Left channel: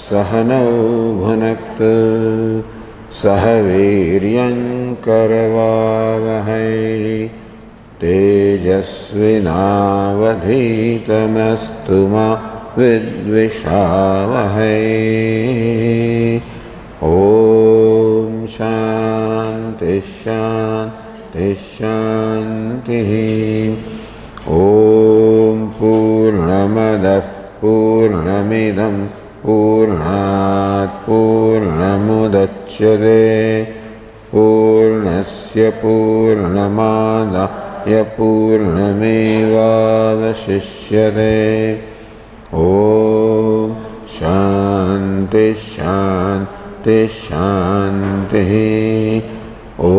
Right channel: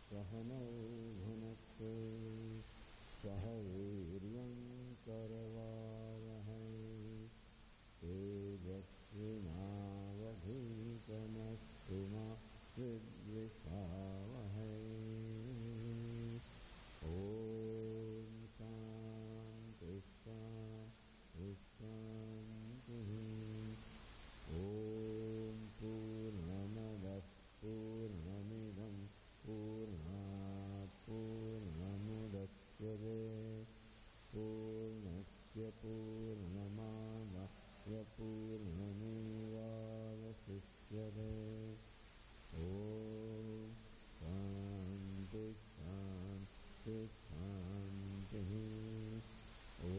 सहनौ भुनक्तु सह वीर्यं करवावहै तेजस्विनावधीतमस्तु मा विद्विषावहै। ॐ शान्ति शान्ति शान्तिः। ॐ पूर्णमदः पूर्णमिदं पूर्णात् पूर्णमुदच्यते पूर्णस्य पूर्णमादाय पूर्णमेवावशिष्यते। ॐ शान्ति शान्ति शान्तिः। ॐ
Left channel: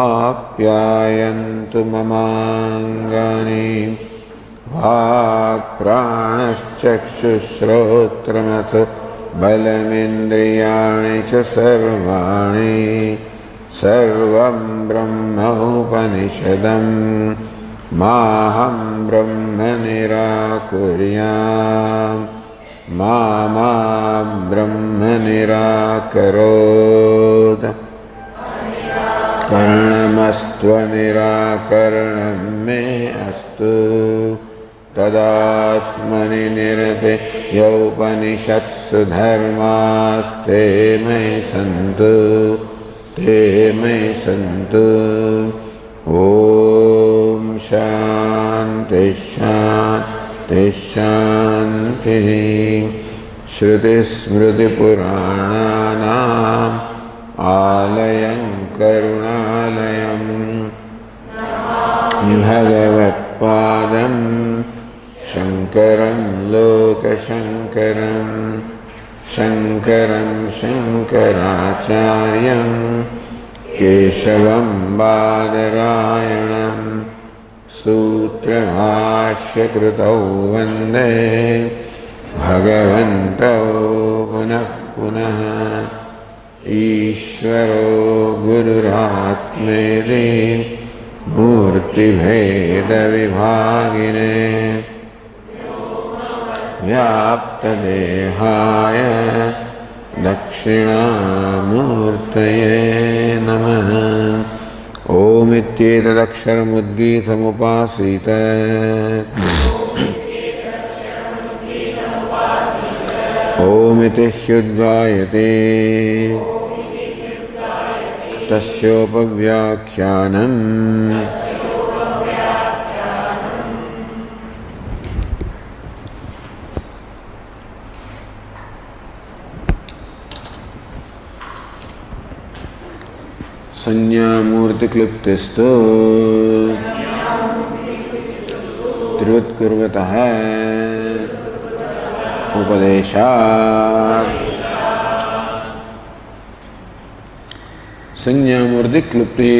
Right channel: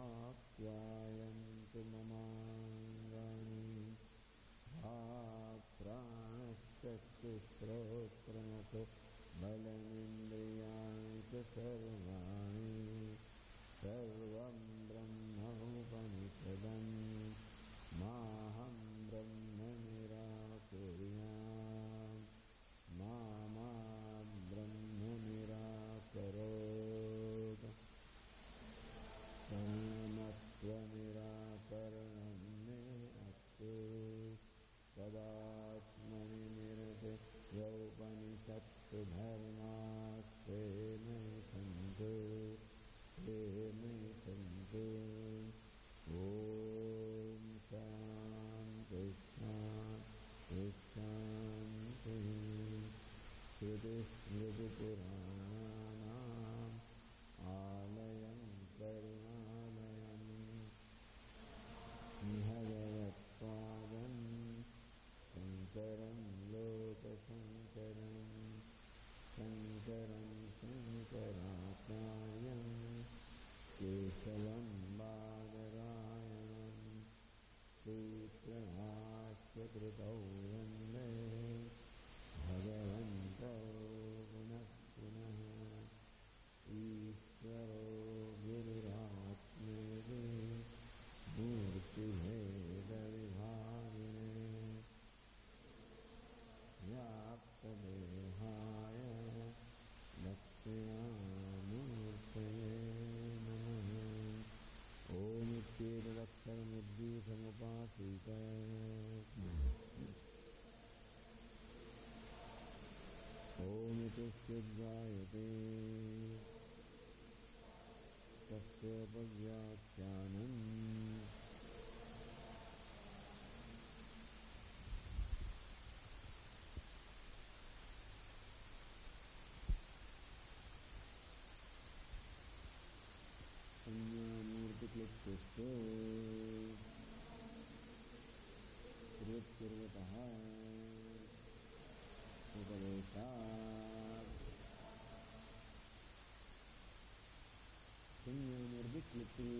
आप्यायन्तु ममाङ्गानि वाक्प्राणश्चक्षुश्रोत्रमथो बलमिन्द्रियाणि च सर्वाणि सर्वं ब्रह्मोपनिषदं माहं ब्रह्म निराकुर्याम् मा ब्रह्म निराकरोत्। कर्णमस्त्वनिराकरणं मे अस्तु तदात्मनि निरते यौपनिषत्सु धर्मास्ते मयि सन्तु ते मयि सन्तु। ॐ शान्ति शान्ति शान्तिः। श्रुतिस्मृतिपुराणानाम् आलयं करुणालयं भगवत्पादं शङ्करं लोकशङ्करं शङ्करं शङ्कराचार्यं केशवं बादरायणं सूत्रभाष्यकृतौ वन्दे भगवन्तौ पुनः पुनः। ईश्वरो गुरुरात्मेति मूर्तिभेदविभागिने व्याप्तदेहाय दक्षिणामूर्तये नमः। ओमित्येतदक्षरमुद्गीतमुपासीत ओमिति ह्युद्गायते तस्योपव्याख्यानम्। संज्ञामूर्तिक्लिप्तिस्तु त्रिवत्कुर्वतः उपदेशात्। संज्ञामूर्ति क्लुप्ति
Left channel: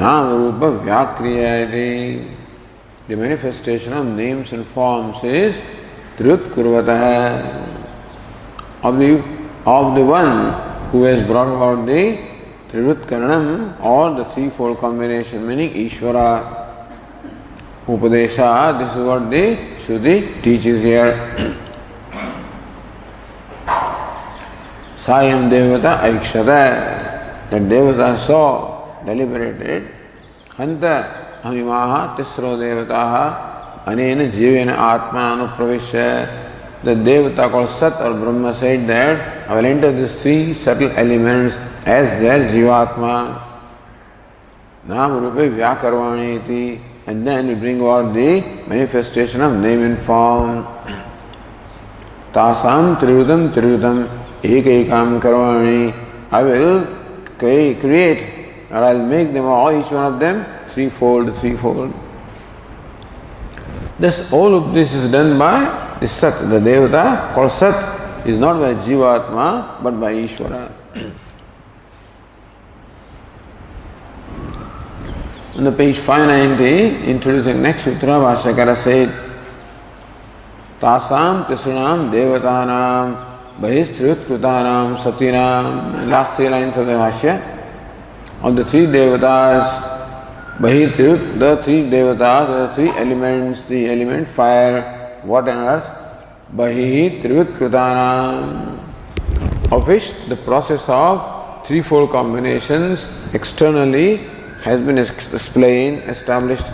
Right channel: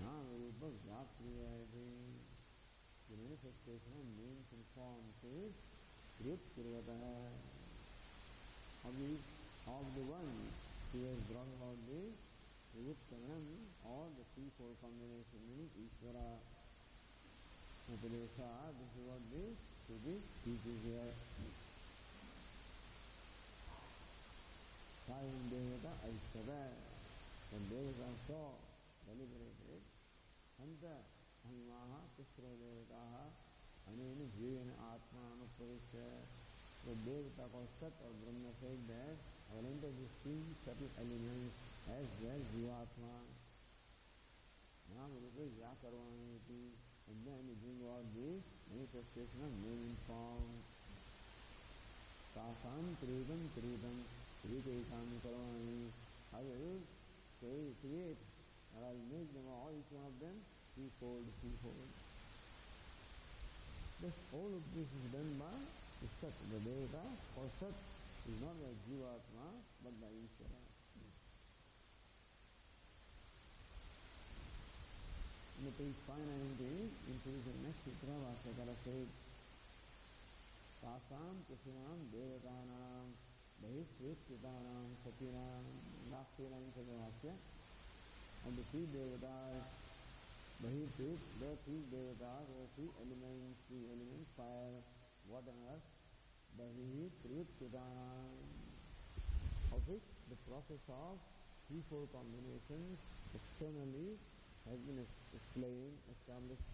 नाम रूप व्याक्रिया। The manifestation of names and forms is Triyutkurvatah, of the one who has brought about the Triyutkaranam or the threefold combination, meaning Ishvara. Upadesha, this is what the Shruti teaches here. Sayam Devata Aikshata, that Devata saw, deliberated, Hanta Hamimaha Tisro Devataha Anena Jivena Atma Anupravishya. The Devata called Sat or Brahma said that I will enter these three subtle elements as their Jivatma. Nam Rupe Vyakarvani iti. And then we bring about the manifestation of name and form. Tasam Triyutam Ekam Karvani. I will create or I will make them all, each one of them, threefold. This, all of this is done by the Sat. The Devata called Sat is not by Jivatma but by Ishvara. On the page 590, introducing next sutra, Bhashyakara said, Tasam Tisranam Devatanam Bahisthriyutkrutanam Satinam. Last three lines of the Bhashya. Of the three Devatas, the three Devatas, the three elements, the element fire, water and earth, bahihi trivitkrutana, of which the process of threefold combinations externally has been explained, established.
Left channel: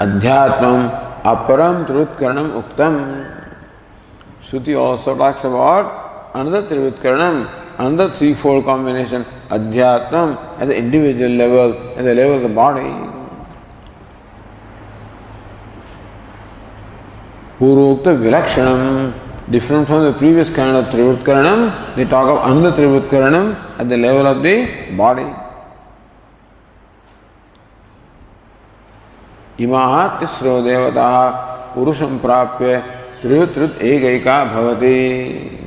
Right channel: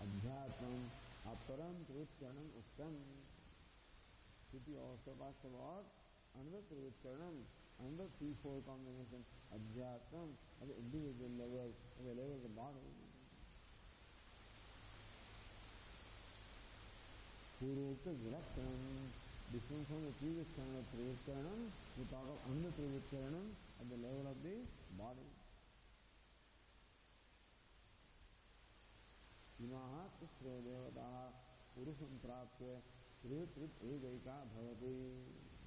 Adhyatmam aparam trivitkaranam uktam. Shruti also talks about another trivitkaranam, another threefold combination, adhyatmam, at the individual level, at the level of the body. Purukta vilakshanam, different from the previous kind of trivitkaranam, they talk of another trivitkaranam at the level of the body. Imaha tisro devataha purusham prapya trivitrit egaika bhavati.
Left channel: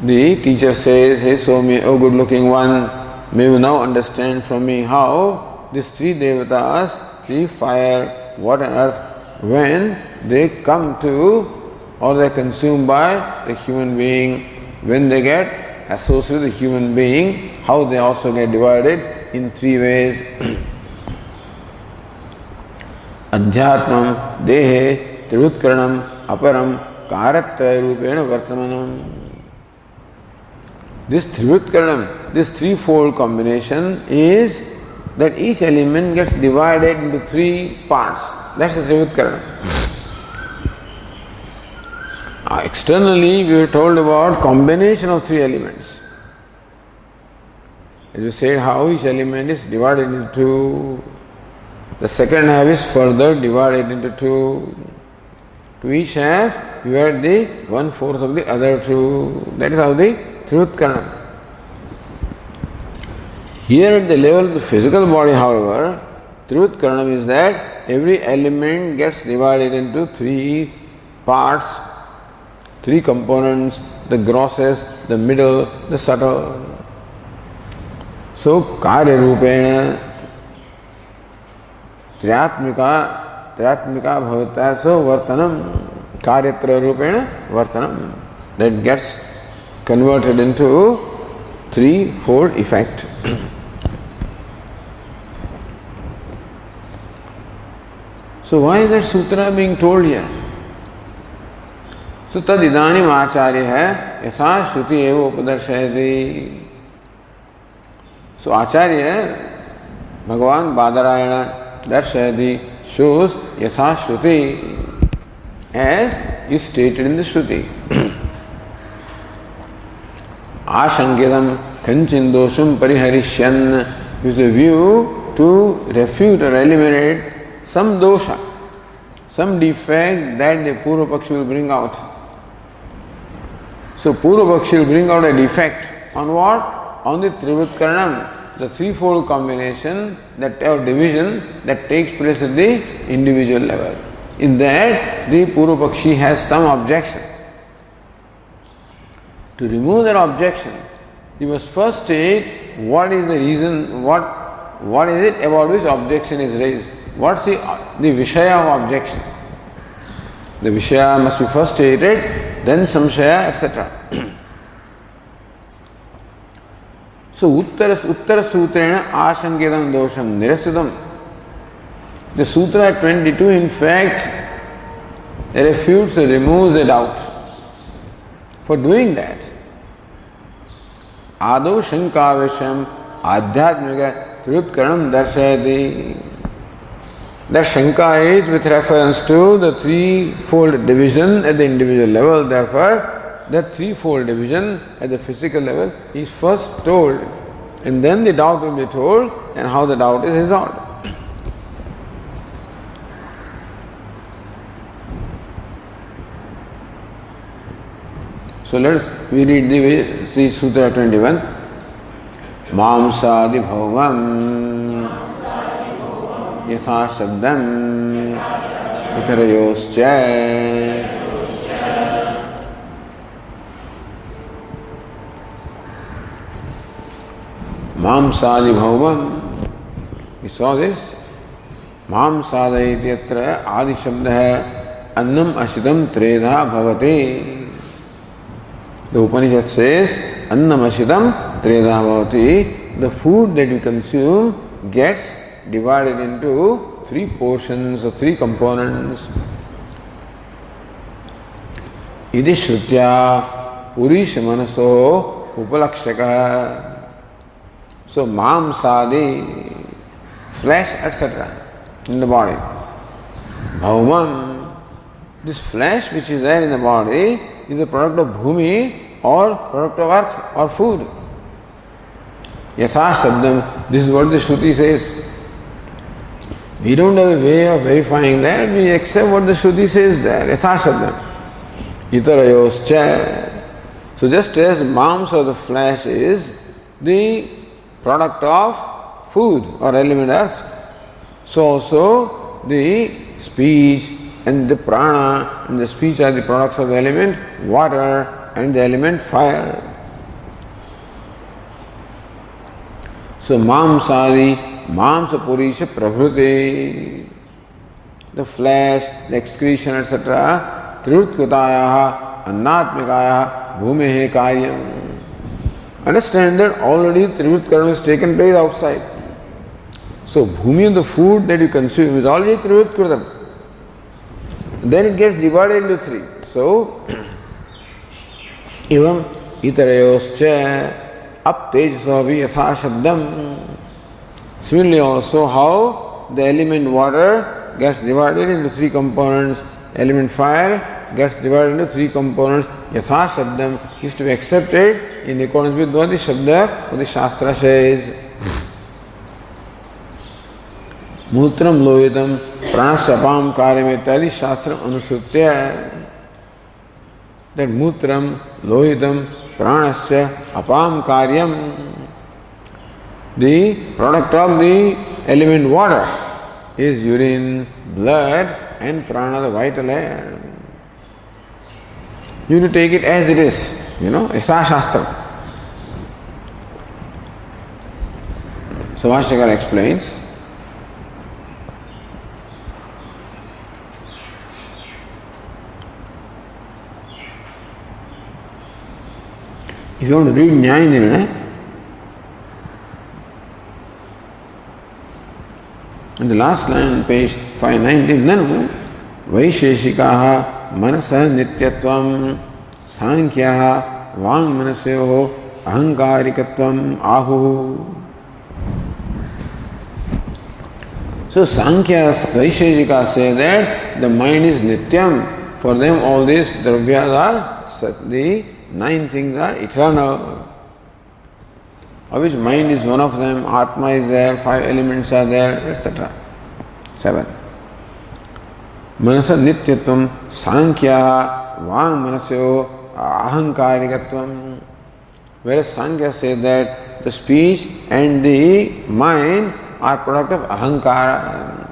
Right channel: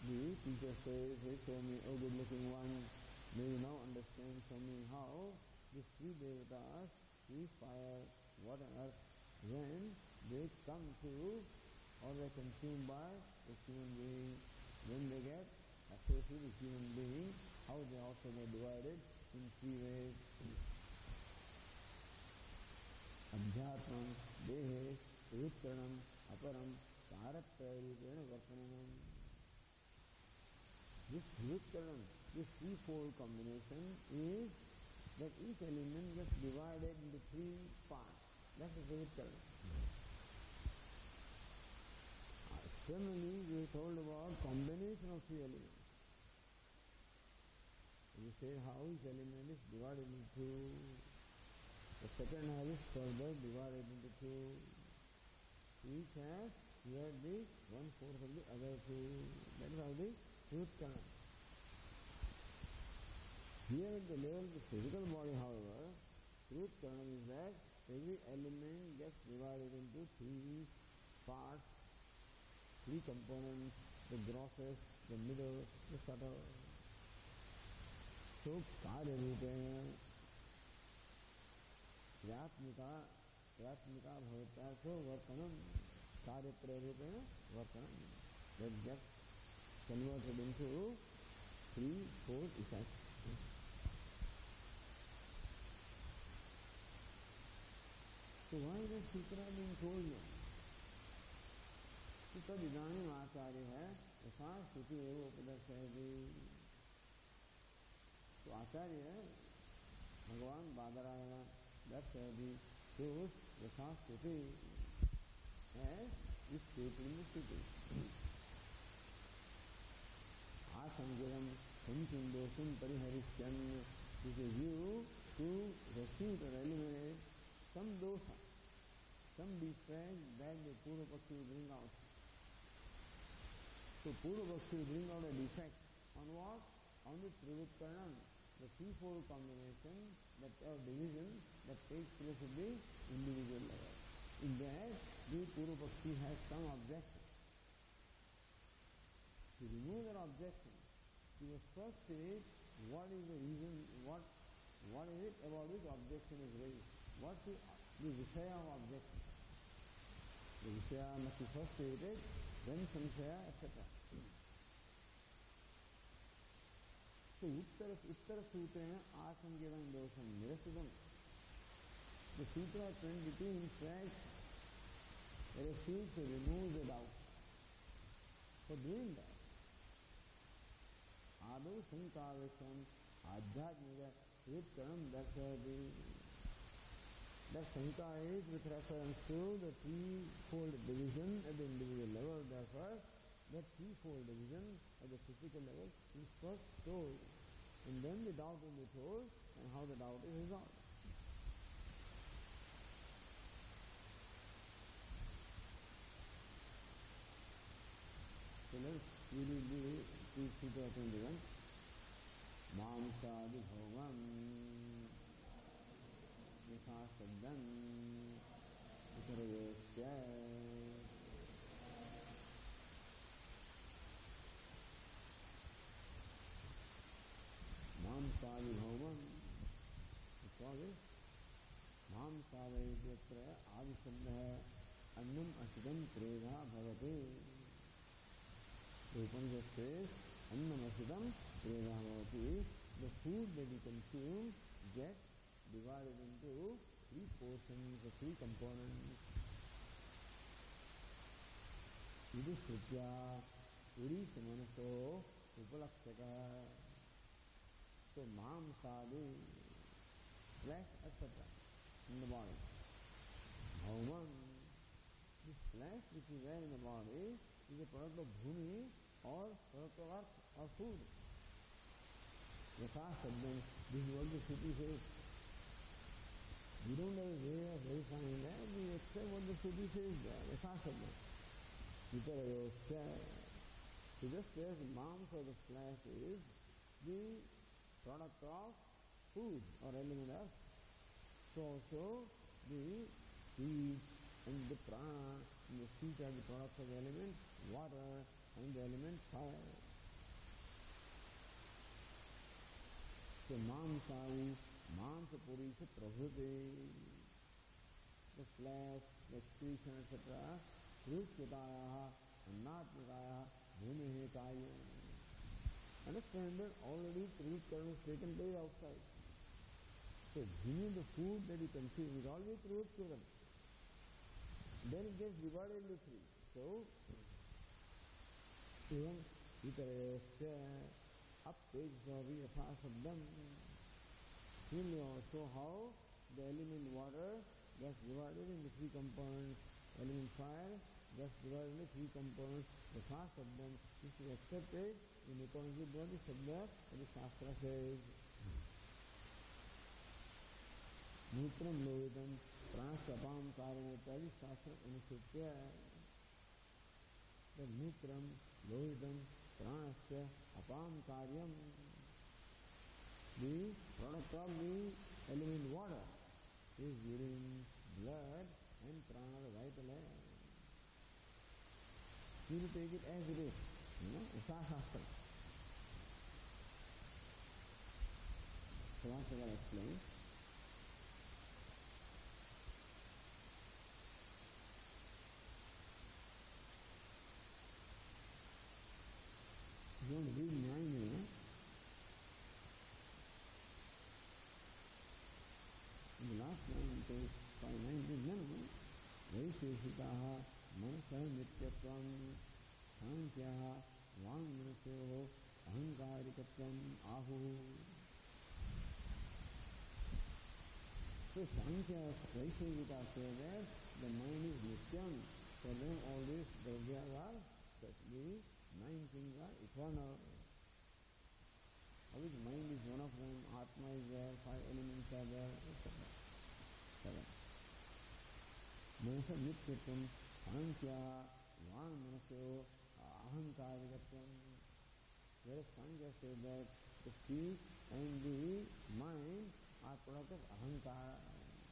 The teacher says, "Hey Somi, oh good looking one, may you now understand from me how these three devatas, the fire, water and earth, when they come to or they are consumed by the human being, when they get associated with the human being, how they also get divided in three ways." Adhyatmam, dehe, trivitkaranam, aparam, karatraya rupena vartamanam. This trivitkaranam, this threefold combination is that each element gets divided into three parts. That's the trivitkaranam. Externally, we were told about combination of three elements. As we said, how each element is divided into two. The second half is further divided into two. To each half, you add the 1/4 of the other two. That is how the trivitkaranam. Here at the level of the physical body, however, trivitkaranam is that every element gets divided into three parts, three components, the grossest, the middle, the subtle. So, karya rupena Triatmika bhavata, so vartanam, karyatra rupena vartanam. That gets converted into threefold effect. So why is that sutra being told here? So tad idanim acharya hai, yatha shruti eva upadarshayati. So acharya, Bhagavan Badarayana, Darshayati, shows yatha shruti, as is stated in the Shruti. Ashankidam kancindosham pariharishyan, with a view to refute or eliminate some dosha, some defect that the Purva Pakshi will bring out. So Purva Pakshi will bring out a defect on what? On the Trivitkaranam, the threefold combination, that or division that takes place at the individual level. In that, the Purva Pakshi has some objection. To remove that objection, you must first state what is the reason, what is it about which objection is raised. What's the Vishaya of objection? The Vishaya must be first stated, then Samshaya, etc. So Uttara Sutrena Ashankidam Dosham Nirasitam. The Sutra 22 in fact refutes or removes the doubt. For doing that, Ado Shankavisham Adhyatmika Trivitkaranam Darshayati. That Shanka is with reference to the threefold division at the individual level. Therefore, that threefold division at the physical level is first told, and then the doubt will be told, and how the doubt is resolved. So we read the Sutra 21. Mamsadi bhavam yatha shabdam itarayoscha. Mamsadi bhavam. We saw this. Mamsada ityatra adi shabda annam ashidam tredha bhavati. The Upanishad says, Annam ashidam tredha bhavati. The food that you consume gets divided into three portions or three components. Iti Shrutya Purisha Manaso Upalakshaka. So, Mamsadi, flesh, etc. in the body. Bhauman, this flesh which is there in the body is a product of bhumi or product of earth or food. Yatha Sabdam, this is what the Shruti says. We don't have a way of verifying that, we accept what the Shruti says there. Yatha Sabdam. Itarayoscha. So just as the mams or the flesh is the product of food or element earth, so also the speech and the prana and the speech are the products of the element water and the element fire. So mamsadi, mamsa purisha prabhrute, the flesh, the excretion, etc. Trirutkutayaha, annatmikayaha, bhumehe karyam. Understand that already Trivut Karma has taken place outside. So bhumi, the food that you consume, is already Trivut Karma. Then it gets divided into three. So, evam itarayoscha aptejasvavi yatha shabdam. Similarly also how the element water gets divided into three components, element fire gets divided into three components, yatha shabdam is to be accepted in accordance with what the Shabda, what the Shastra says. Mutram lohitam pranasapam karyam ityadi Shastra anusrutya. That mutram lohitam pranasya apam karyam, the product of the element water is urine, blood and prana, the vital air. You need to take it as it is. Yatha Shastra. So Vashyakara explains, if you want to read Nyaya Nirnaya, in the last line on page 519, Nanu Vaisheshikaha Manasa Nityatvam Sankhyaha Vang Manasyoho Ahankarikatvam Ahu. So Sankhya Vaisheshika say that the mind is Nityam. For them all these dravyas are, the 9 things are eternal. Of which mind is one of them, Atma is there, 5 elements are there, etc. 7. Manasa Nityatvam Sankhya Vang Manasyo Ahankarikatvam. Whereas Sankhya say that the speech and the mind are product of ahankara.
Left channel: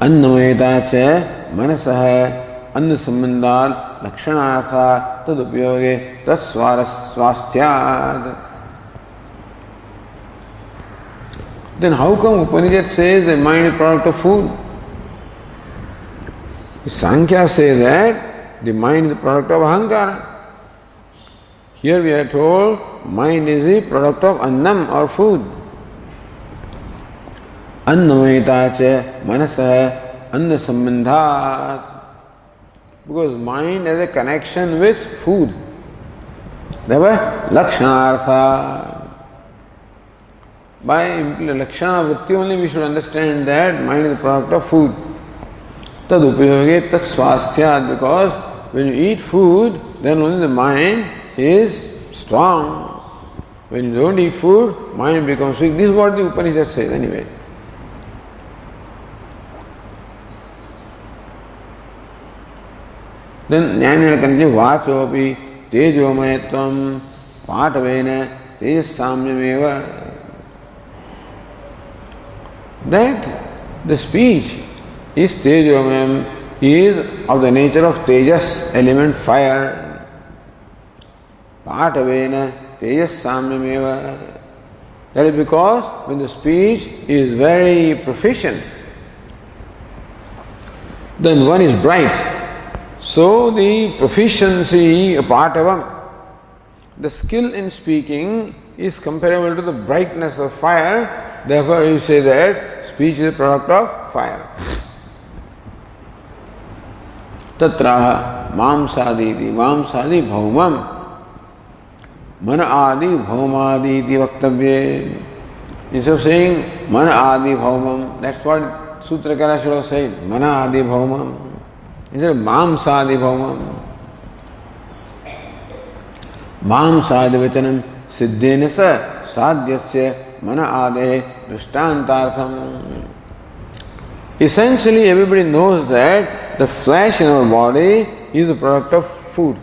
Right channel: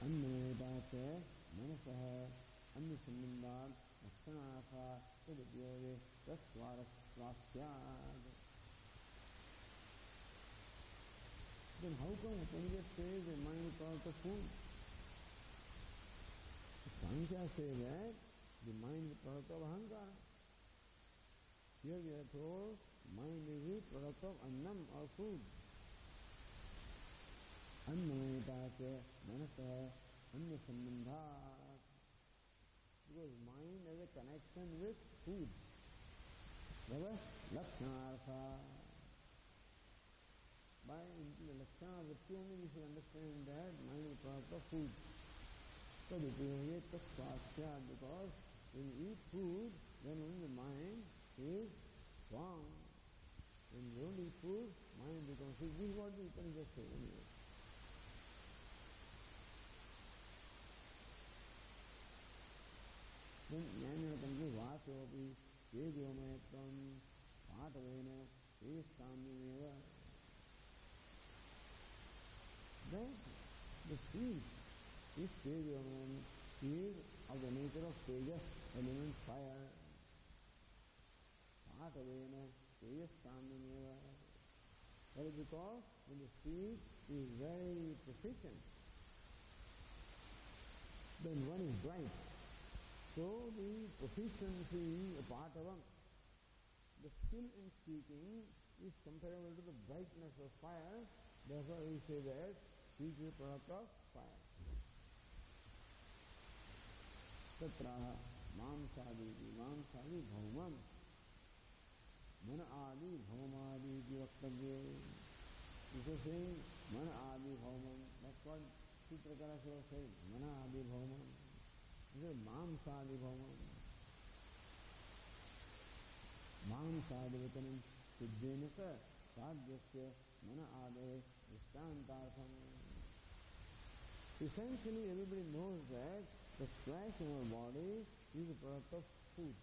Annamayata cha manasah anna sambandhat lakshanartha tad upyoge tas swasthyad. Then how come Upanishad says the mind is product of food? Sankhya says that the mind is the product of ahankara. Here we are told mind is the product of annam or food. Annamayata cha manasah anna sambandhat. Because mind has a connection with food. Therefore, lakshanartha. By lakshana vritti only we should understand that mind is the product of food. Tad upayoge tat swasthyat. Because when you eat food, then only the mind is strong. When you don't eat food, mind becomes weak. This is what the Upanishad says anyway. Then Nyaya Nirnaya Vachopi Tejomayatvam Patavena Tejasamyameva. That the speech is Tejomayam, is of the nature of Tejas, element fire. Patavena Tejasamyameva. That is because when the speech is very proficient, then one is bright. So the proficiency, a part of the skill in speaking is comparable to the brightness of fire. Therefore you say that speech is a product of fire. Tatraha mamsaditi. Mamsadi bhaumam. Mana adi bhaumadi iti vaktavye. Instead of saying mana adi bhaumam, that's what Sutrakara should have said. Mana adi bhaumam. Instead of mamsadi bhaumam. Mamsadi vachanam siddhena sa sadhyasya mana ade drishtantartham. Essentially, everybody knows that the flesh in our body is the product of food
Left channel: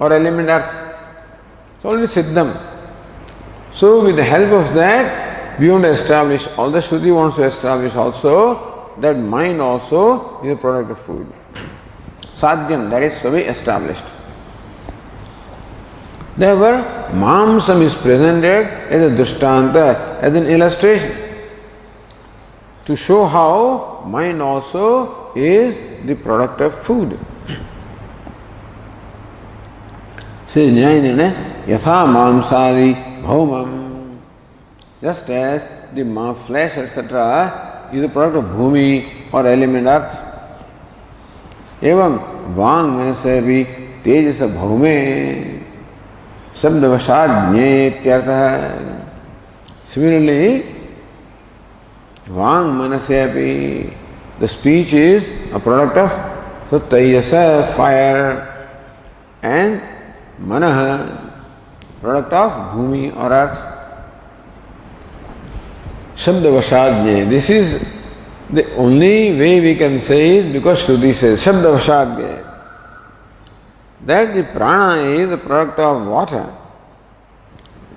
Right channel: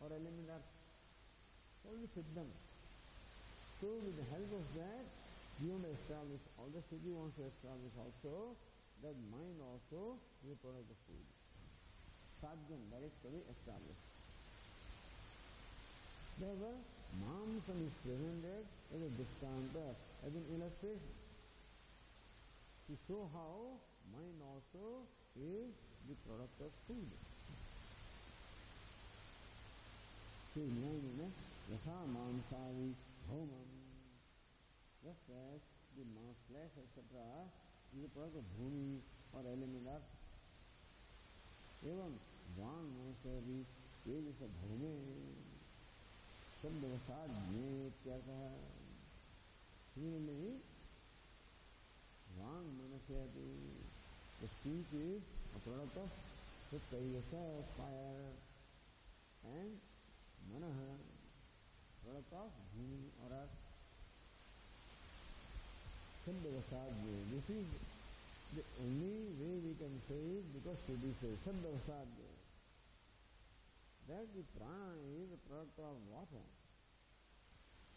or element earth. It's already siddham. So, with the help of that, we want to establish, all the Shruti wants to establish also, that mind also is a product of food. Sadhyam, that is to be established. Therefore, mamsam is presented as a drishtanta, as an illustration, to show how mind also is the product of food. Says Jnanana, yatha mamsadi bhaumam. Just as the flesh, etc., is the product of bhumi or element earth. Evam vang manasabi tejasa bhaume sabdavashad jnetyartha. Similarly, vang manasabi, the speech is a product of tejasa, fire, and manaha, product of bhumi or earth. Shabdavashadnya. This is the only way we can say it because Shruti says Shabdavashadnya. That the prana is the product of water,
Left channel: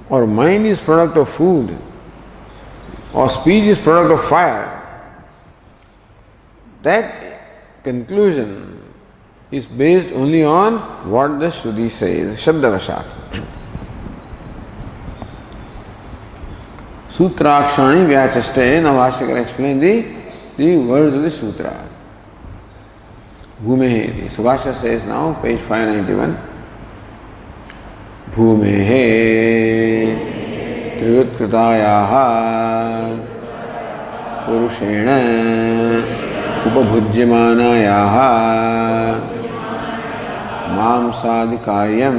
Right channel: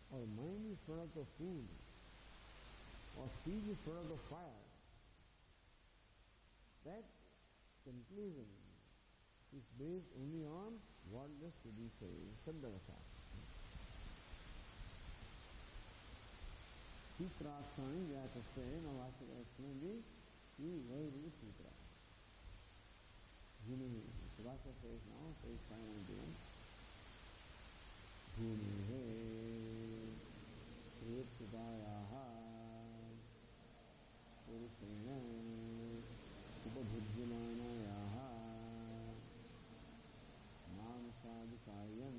or mind is product of food, or speech is product of fire. That conclusion is based only on what the Shruti says, Shabdavashad. Sutrakshani Vyachaste. Now Bhashyakara explain the words of the sutra. Bhumehe. So Bhashya says now, page 591. Bhumehe Triyutkatayaha Purushena Upabhujyamanayaha Mamsadikaryam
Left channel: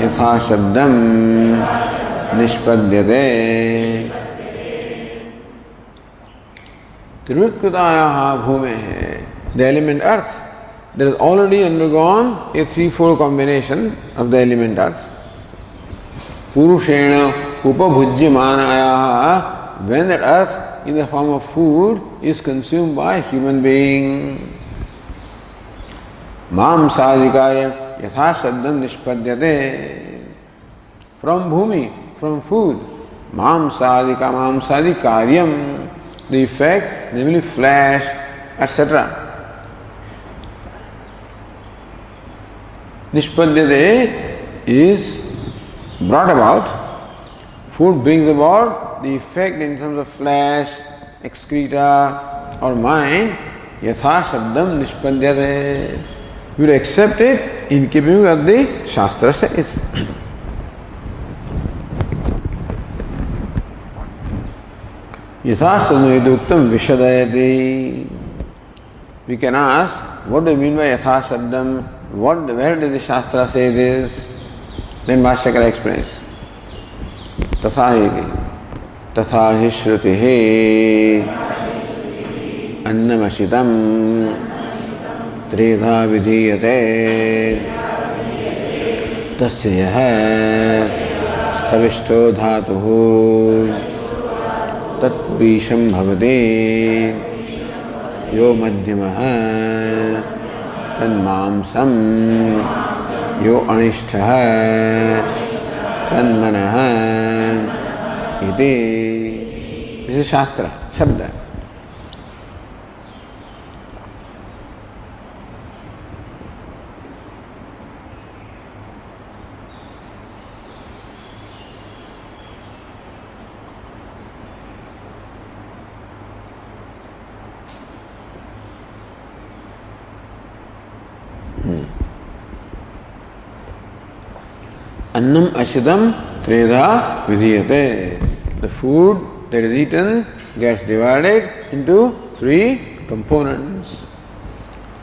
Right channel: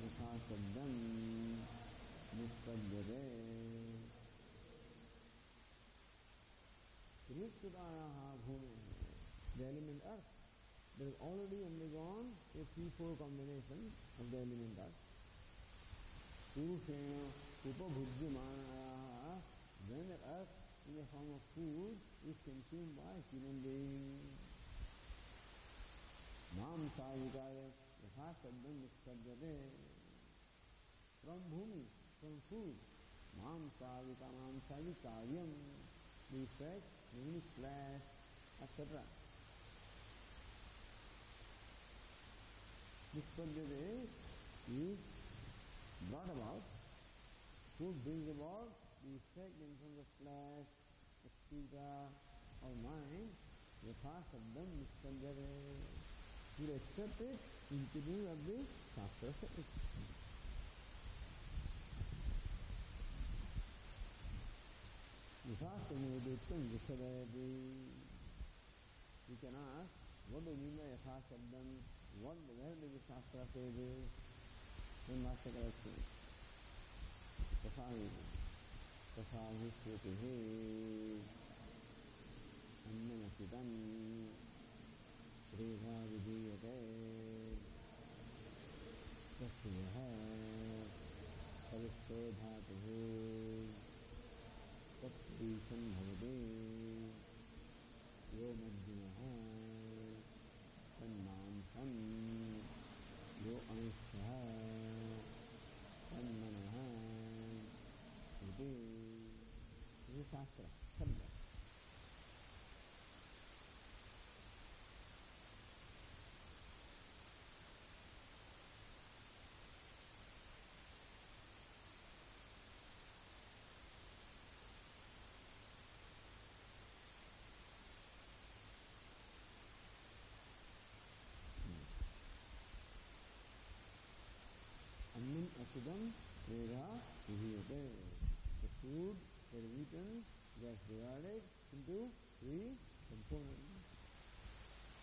Yatha Shabdam Nishpadyate. Triyutkatayaha bhumehe. The element earth that has already undergone a threefold combination of the element earth. Purushena upabhujyamanayaha. When that earth in the form of food is consumed by a human being. Mamsadikaya yatha saddham nishpadyate. From bhumi, from food. Mamsadi karyam, the effect, namely flesh, etc. Nishpadyate is brought about. Food brings about the effect in terms of flesh, excreta, or mind. Yatha shabdam nishpadyate. We will accept it in keeping with the Shastra says. Yathasabdam vishadayati. We can ask, what do you mean by yathasabdam? Where does the Shastra say this? Then Bhashyakara explains. Tatha hi shrutihi annamasitam tridha vidhiyate tasya yaha stavishto dhatuhu तत्पुरीशं भवते यो मध्यमः तन्मांसं यो अनिष्ठः तन्मनः इति. This is Shastra, Shabda. Annam ashidam treda vidhiyate. The food that is eaten gets divided into three components.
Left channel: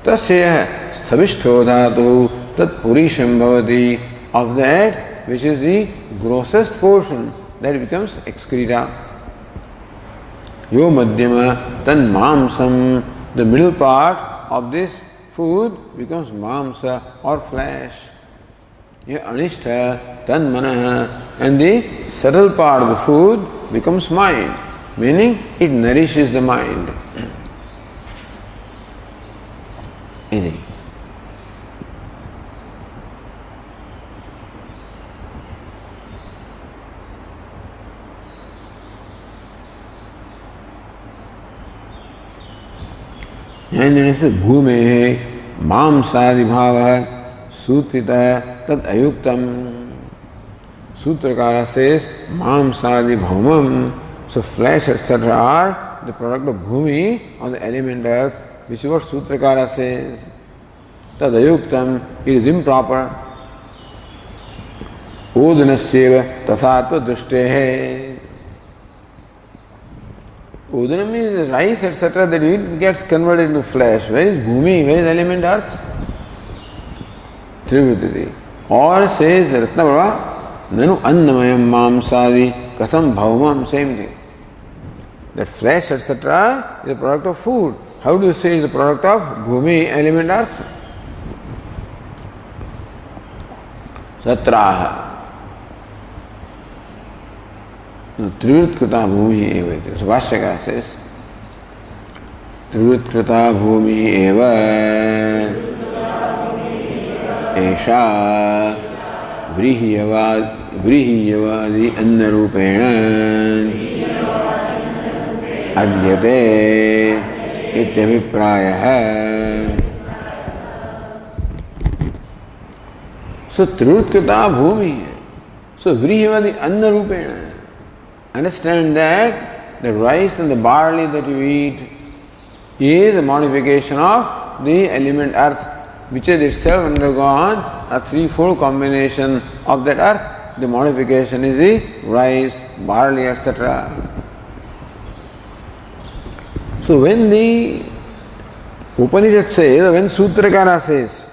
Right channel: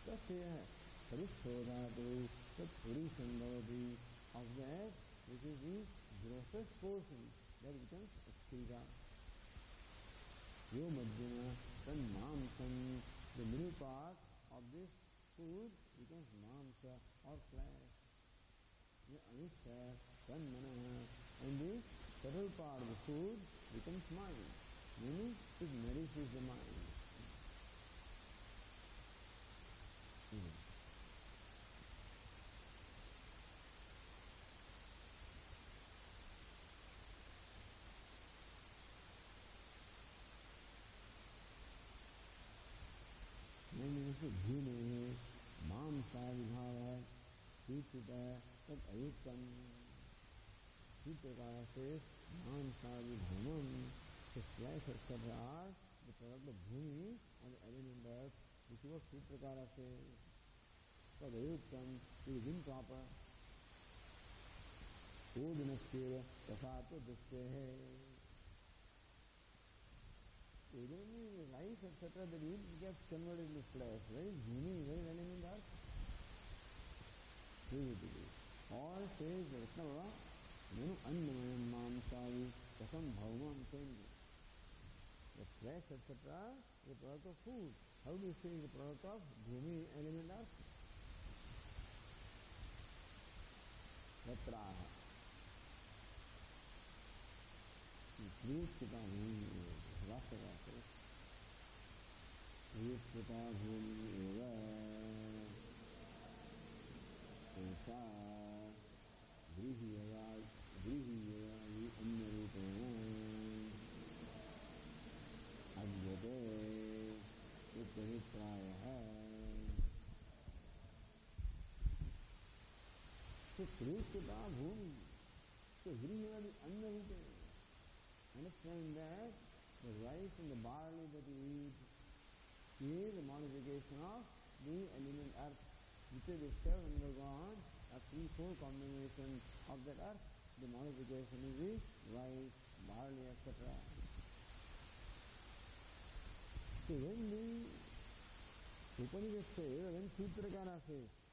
tasya sthavishto dhatu tat purisham bhavati. Of that which is the grossest portion, that becomes excreta. Yo madhyama tan mamsam. The middle part of this food becomes mamsa or flesh. Yo anishtha tan manaha. And the subtle part of the food becomes mind, meaning it nourishes the mind. Iti. And then it says bhume mamsadi bhava sutrita tad ayuktam. Sutrakara says mamsadi bhaumam. So flesh etc. are the product of bhumi or the element earth, which is what Sutrakara says. Tad ayuktam, it is improper. Udanasyeva tathatva dustehe. Udana means rice etc. that it gets converted into flesh. Where is bhumi? Where is element earth? Trivritati. Or says Ratnabhava, nanu annamayam mamsadi katham bhaumam. Same thing. That flesh etc. is a product of food. How do you say it is the product of bhumi, element earth? Satraha. Trivritkrita bhumi eva. So Vashyakara says, Trivritkrita bhumi eva esha vrihiyavadi annarupena adyate ityabhiprayah. So Trivritkrita bhumi. So vrihiyavadi annarupena. Understand that the rice and the barley that you eat is a modification of the element earth, which has itself undergone a threefold combination of that earth. The modification is the rice, barley, etc. So when the Upanishad says, when Sutrakara says,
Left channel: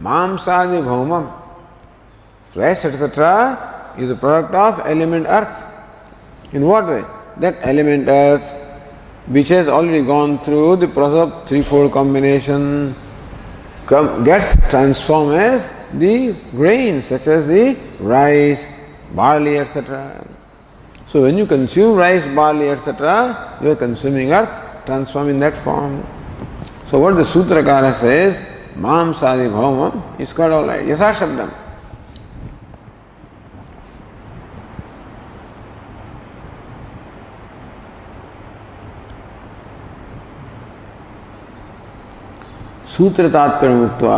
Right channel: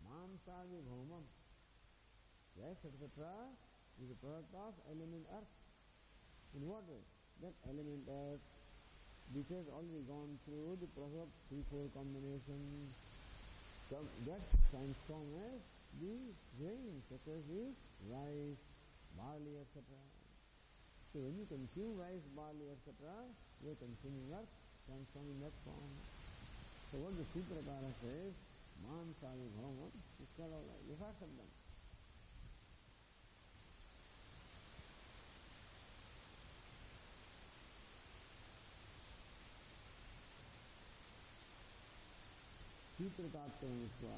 Mamsadi bhaumam, flesh, etc., is the product of element earth. In what way? That element earth, which has already gone through the process of threefold combination, gets transformed as the grains such as the rice, barley, etc. So when you consume rice, barley, etc., you are consuming earth, transformed in that form. So what the Sutrakara says, Mamsadi bhaumam, is quite alright. Yasa Shabdam. सूत्र तात्पर्य मुक्त्वा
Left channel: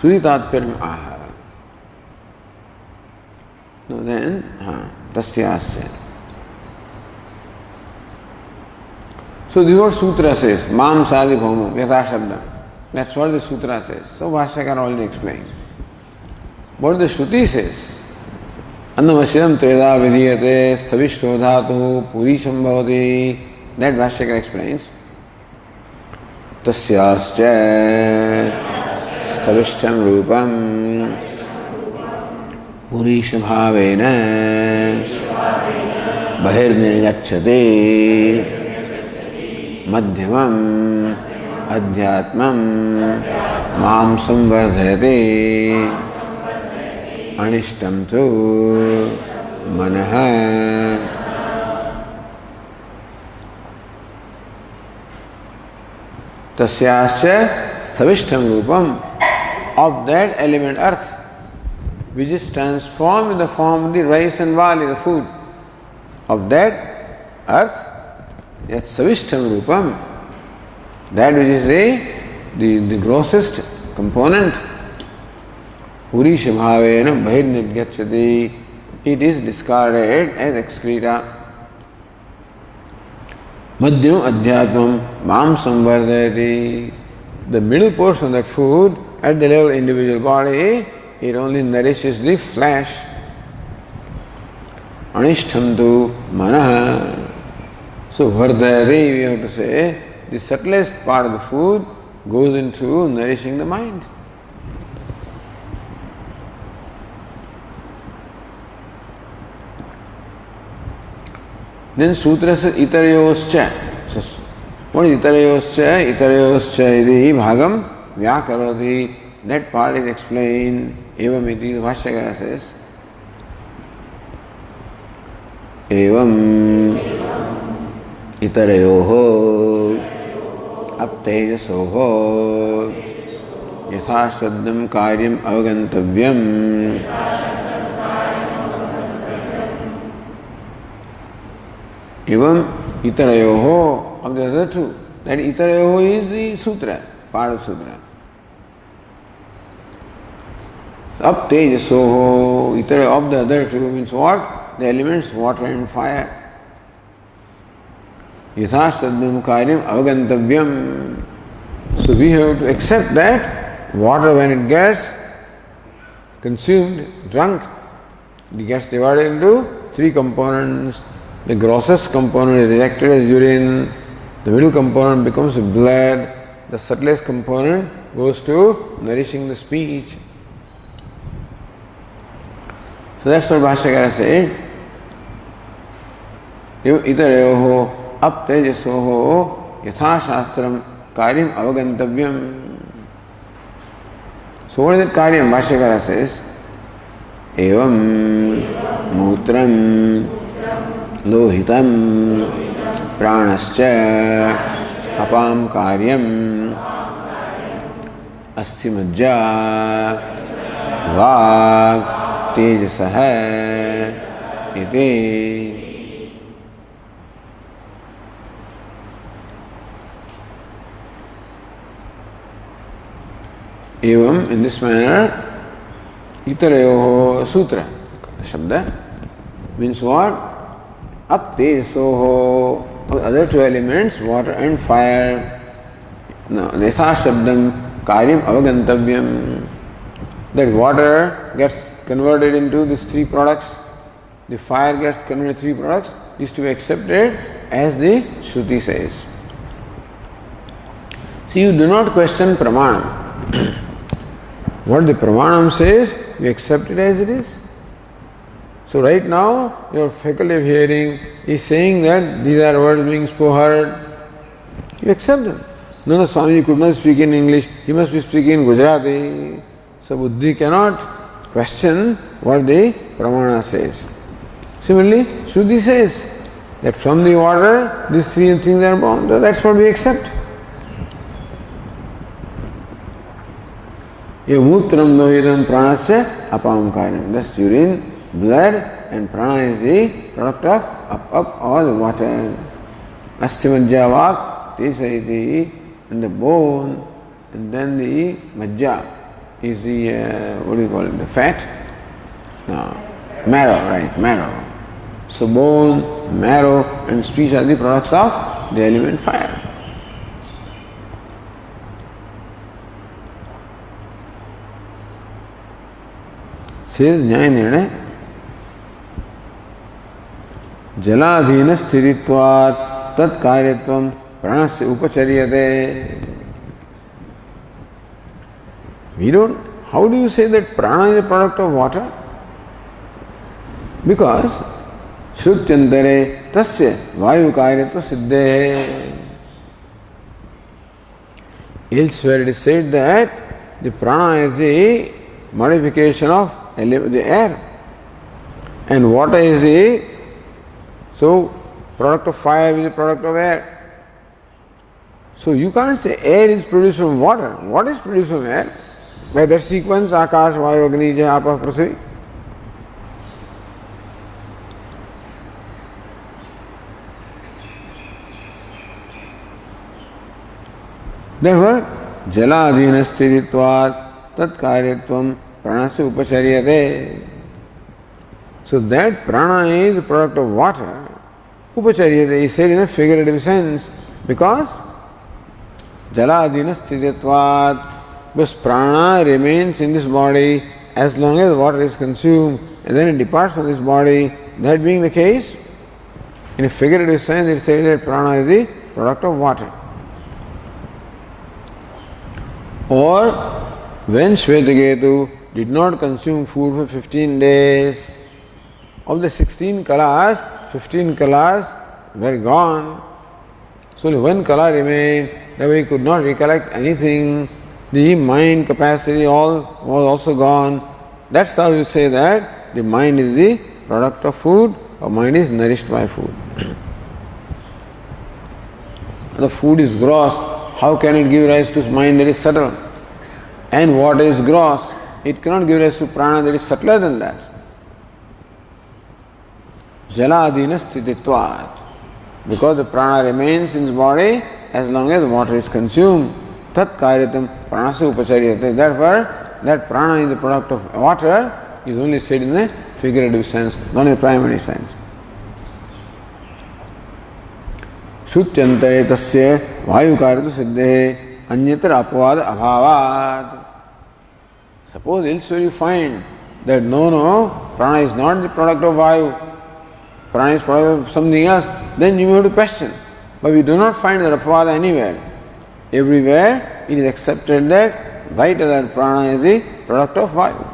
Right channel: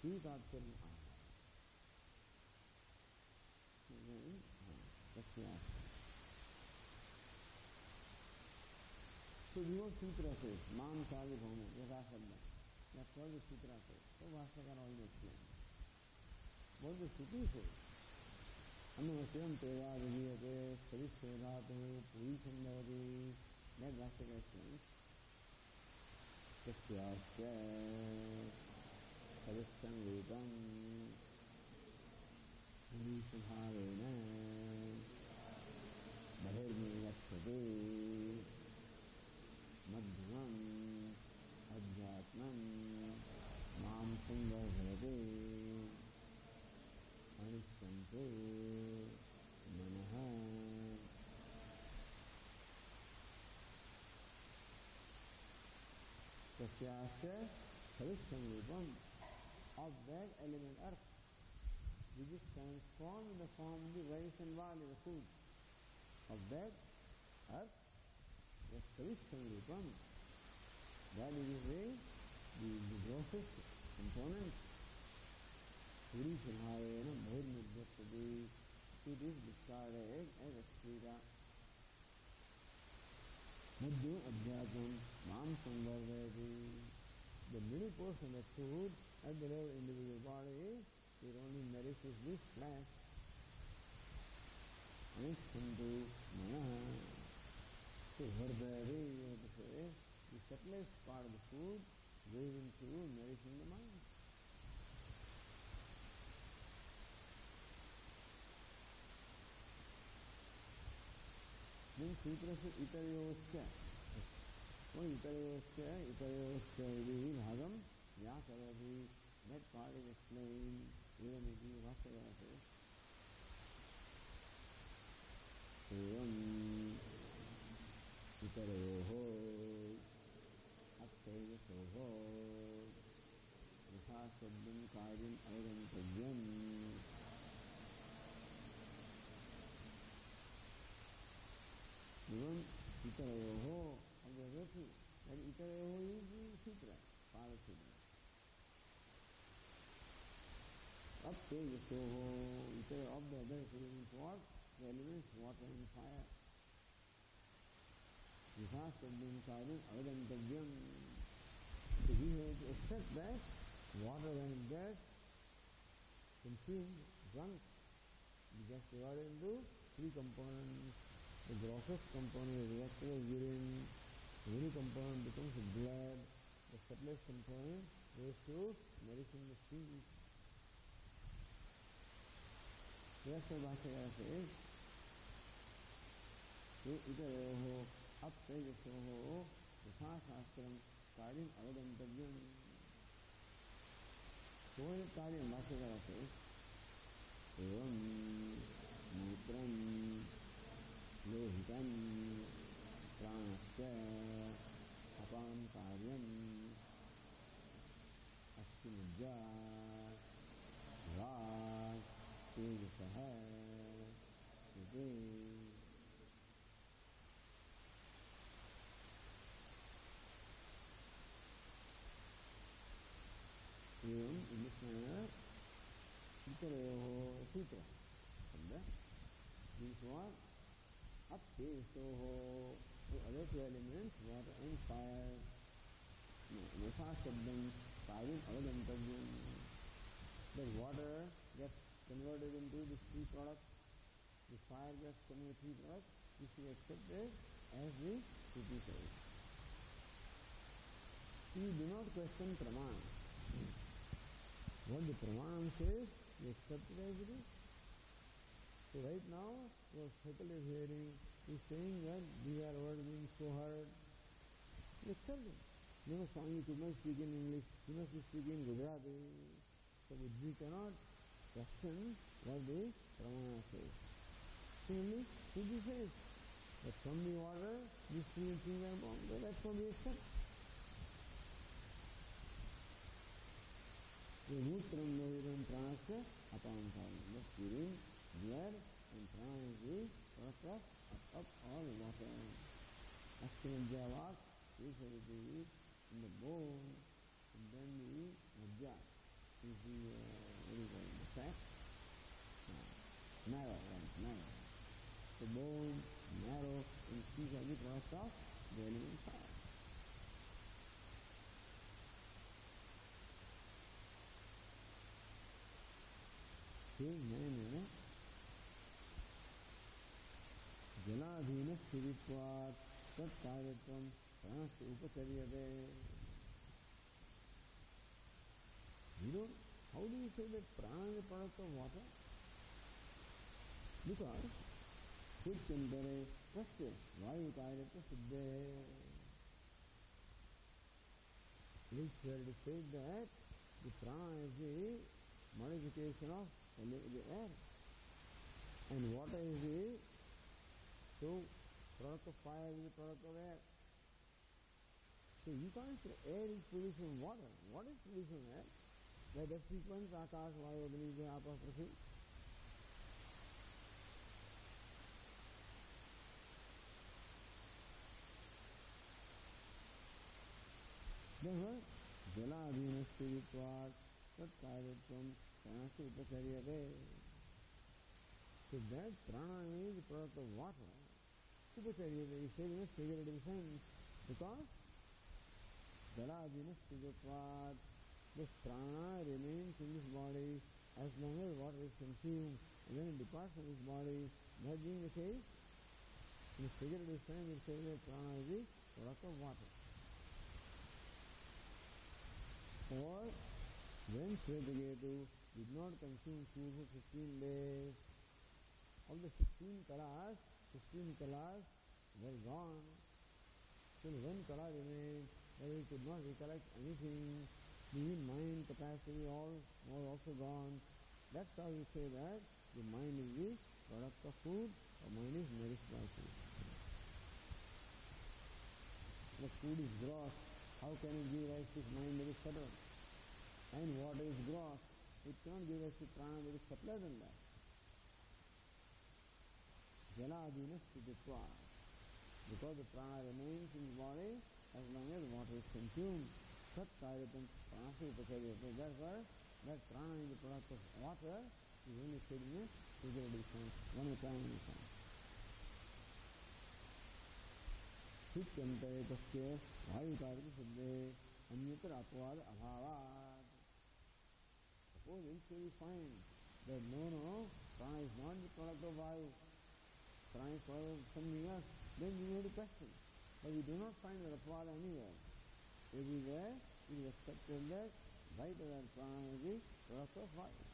श्रुति तात्पर्य आह. No, then, tasyasya. So this is what Sutra says, Mamsadi bhaumam, yatha shabdam. That's what the Sutra says. So Bhashyakara already explained. What the Shruti says, Annamashidam treda vidhiyate sthavishto dhatu purisham bhavati. That Bhashyakara explains. Tasyascha sthavishtam rupam purisha bhavena bahirnirgacchate madhyamam adhyatmam mamsam vardhayate anishtam tu manaha. Tasyascha sthavishtam rupam, of that element earth, which is transformed in the form of the rice and barley, the food. Of that earth, yat savishtam rupam, that which is the grossest component, purisha bhavena bahirnirgacchati, it is discarded as excreta. Madhyam adhyatmam mam samvardayati. The middle portion of that food, at the level of individual body, it only nourishes the flesh. Anishtam tu manaha. So vardayati, we have to say, the subtlest part of the food goes into nourishing the mind. Then Sutra says itarayoscha. So, what is itarayoscha? Itarayoscha iti bhagam vyakaroti. That part is explained. Evam iti, the Bhashyakara says. Evam itarayoho aptejasoho yatha saddham karyam avagantavyam. Evam itarayoho, of the other two. That itarayoho is the sutra, part of sutra. Up tejasoho, itarayoho of the other two means what? The elements water and fire. Yatha saddham karyam avagantavyam. So we have to accept that water, when it gets consumed, drunk, it gets divided into three components. The grossest component is rejected as urine, the middle component becomes blood, the subtlest component goes to nourishing the speech. So that's what Bhashyakara said. Itarayoho aptejasoho yatha shastram karyam avagantavyam. So what is that karyam? Bhashyakara says, evam mutram lohitam pranascha apam karyam asthimajja vag tejasah iti. Evam, in this manner, itarayoho sutra, shabda, means what? Aptejasoho, other two elements, water and fire. No, yatha shabdam karyam avagantavyam. That water gets converted into these three products, the fire gets converted into three products, is to be accepted as the Shruti says. So you do not question Pramanam. What the Pramanam says, you accept it as it is. So right now, your faculty of hearing is saying that these are words being heard. You accept them. No, Swami could not speak in English, he must be speaking in Gujarati. So Buddhi cannot question what the Pramana says. Similarly, Shruti says that from the water, these three things are born. So that's what we accept. Mutram lohitam pranasya apam karyam. That's urine, blood, and prana is the product of up or the water. Asthimajja vak tesayiti, and the bone, and then the majja is the, what do you call it, the fat? No, marrow, right, marrow. So bone, marrow, and speech are the products of the element fire. Says Nyaya Nirnaya, Jaladhina sthiritvat tat karyatvam pranasya upacharyate. We don't, how do you say that prana is a product of water? Because Shrutyantare tasya vayu karyatva siddhe. Elsewhere it is said that the prana is the modification of the air, and water is the product of fire is the product of air. So you can't say air is produced from water. What is produced from air? By that sequence, Akash, Vayu, Agni, Apah, Prithvi. Therefore, Jaladhina sthiritvat tat karyatvam pranasya upacharyate. So that prana is the product of water. Upacharyate is said in a figurative sense because Jaladhina sthiritvat, because prana remains in this body as long as water is consumed and then it departs from this body. That being the case, in a figurative sense it says that prana is the product of water. Or when Shvetaketu did not consume food for 15 days, of the 16 kalas, 15 kalas were gone. So only one kala remained, that way he could not recollect anything. The mind capacity all was also gone. That's how you say that the mind is the product of food, or mind is nourished by food. The food is gross, how can it give rise to mind that is subtle? And what is gross? It cannot give rise to prana that is subtler than that. Jaladina sthititvat. Because the prana remains in his body as long as water is consumed. Tat karyatam pranasya upachariyate. Therefore, that prana is the product of water is only said in a figurative sense, not in a primary sense. Shutyante tasya vayukaratu siddhe anyatra apavad abhavat. Suppose elsewhere you find that no, prana is not the product of vayu, prana is product of something else, then you may have to question. But we do not find that apavada anywhere. Everywhere it is accepted that vital that prana is the product of vayu.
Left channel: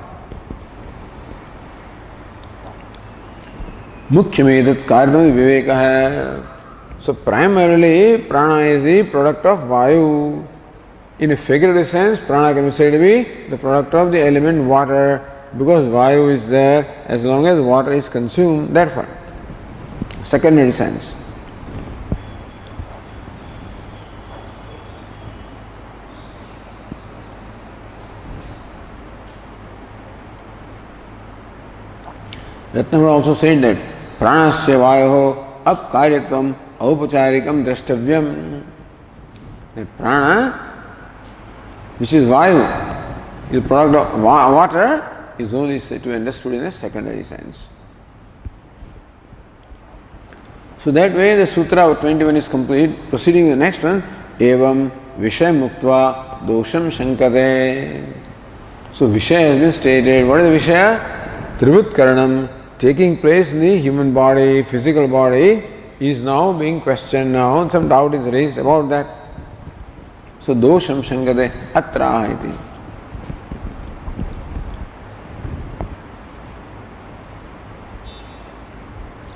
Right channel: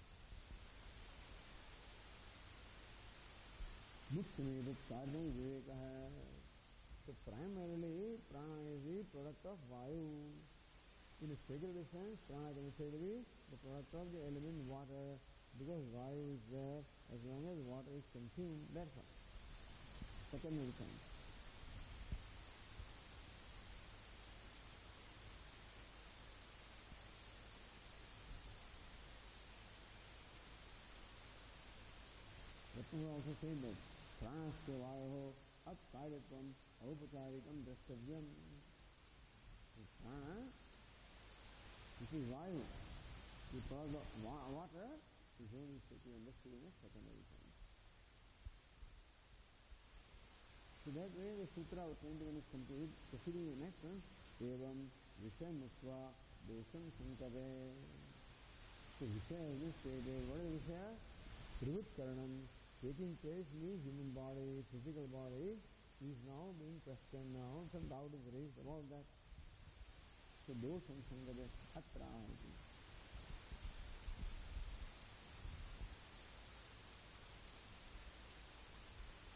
Mukhyamedat karyam viveka hai. So primarily prana is the product of vayu. In a figurative sense, prana can be said to be the product of the element water, because vayu is there as long as water is consumed, therefore. Secondary sense. Ratnavara also said that pranasya vayoho apkaryatvam aupacharikam drashtavyam. That prana, which is vayu, is the product of water, is only said to be understood in a secondary sense. So that way the sutra of 21 is complete. Proceeding to the next one, evam vishay muktva dosham shankate. So vishaya has been stated. What is the vishaya? Trivut karanam, taking place in the human body, physical body, is now being questioned now. Some doubt is raised about that. So dosham shankate atra iti.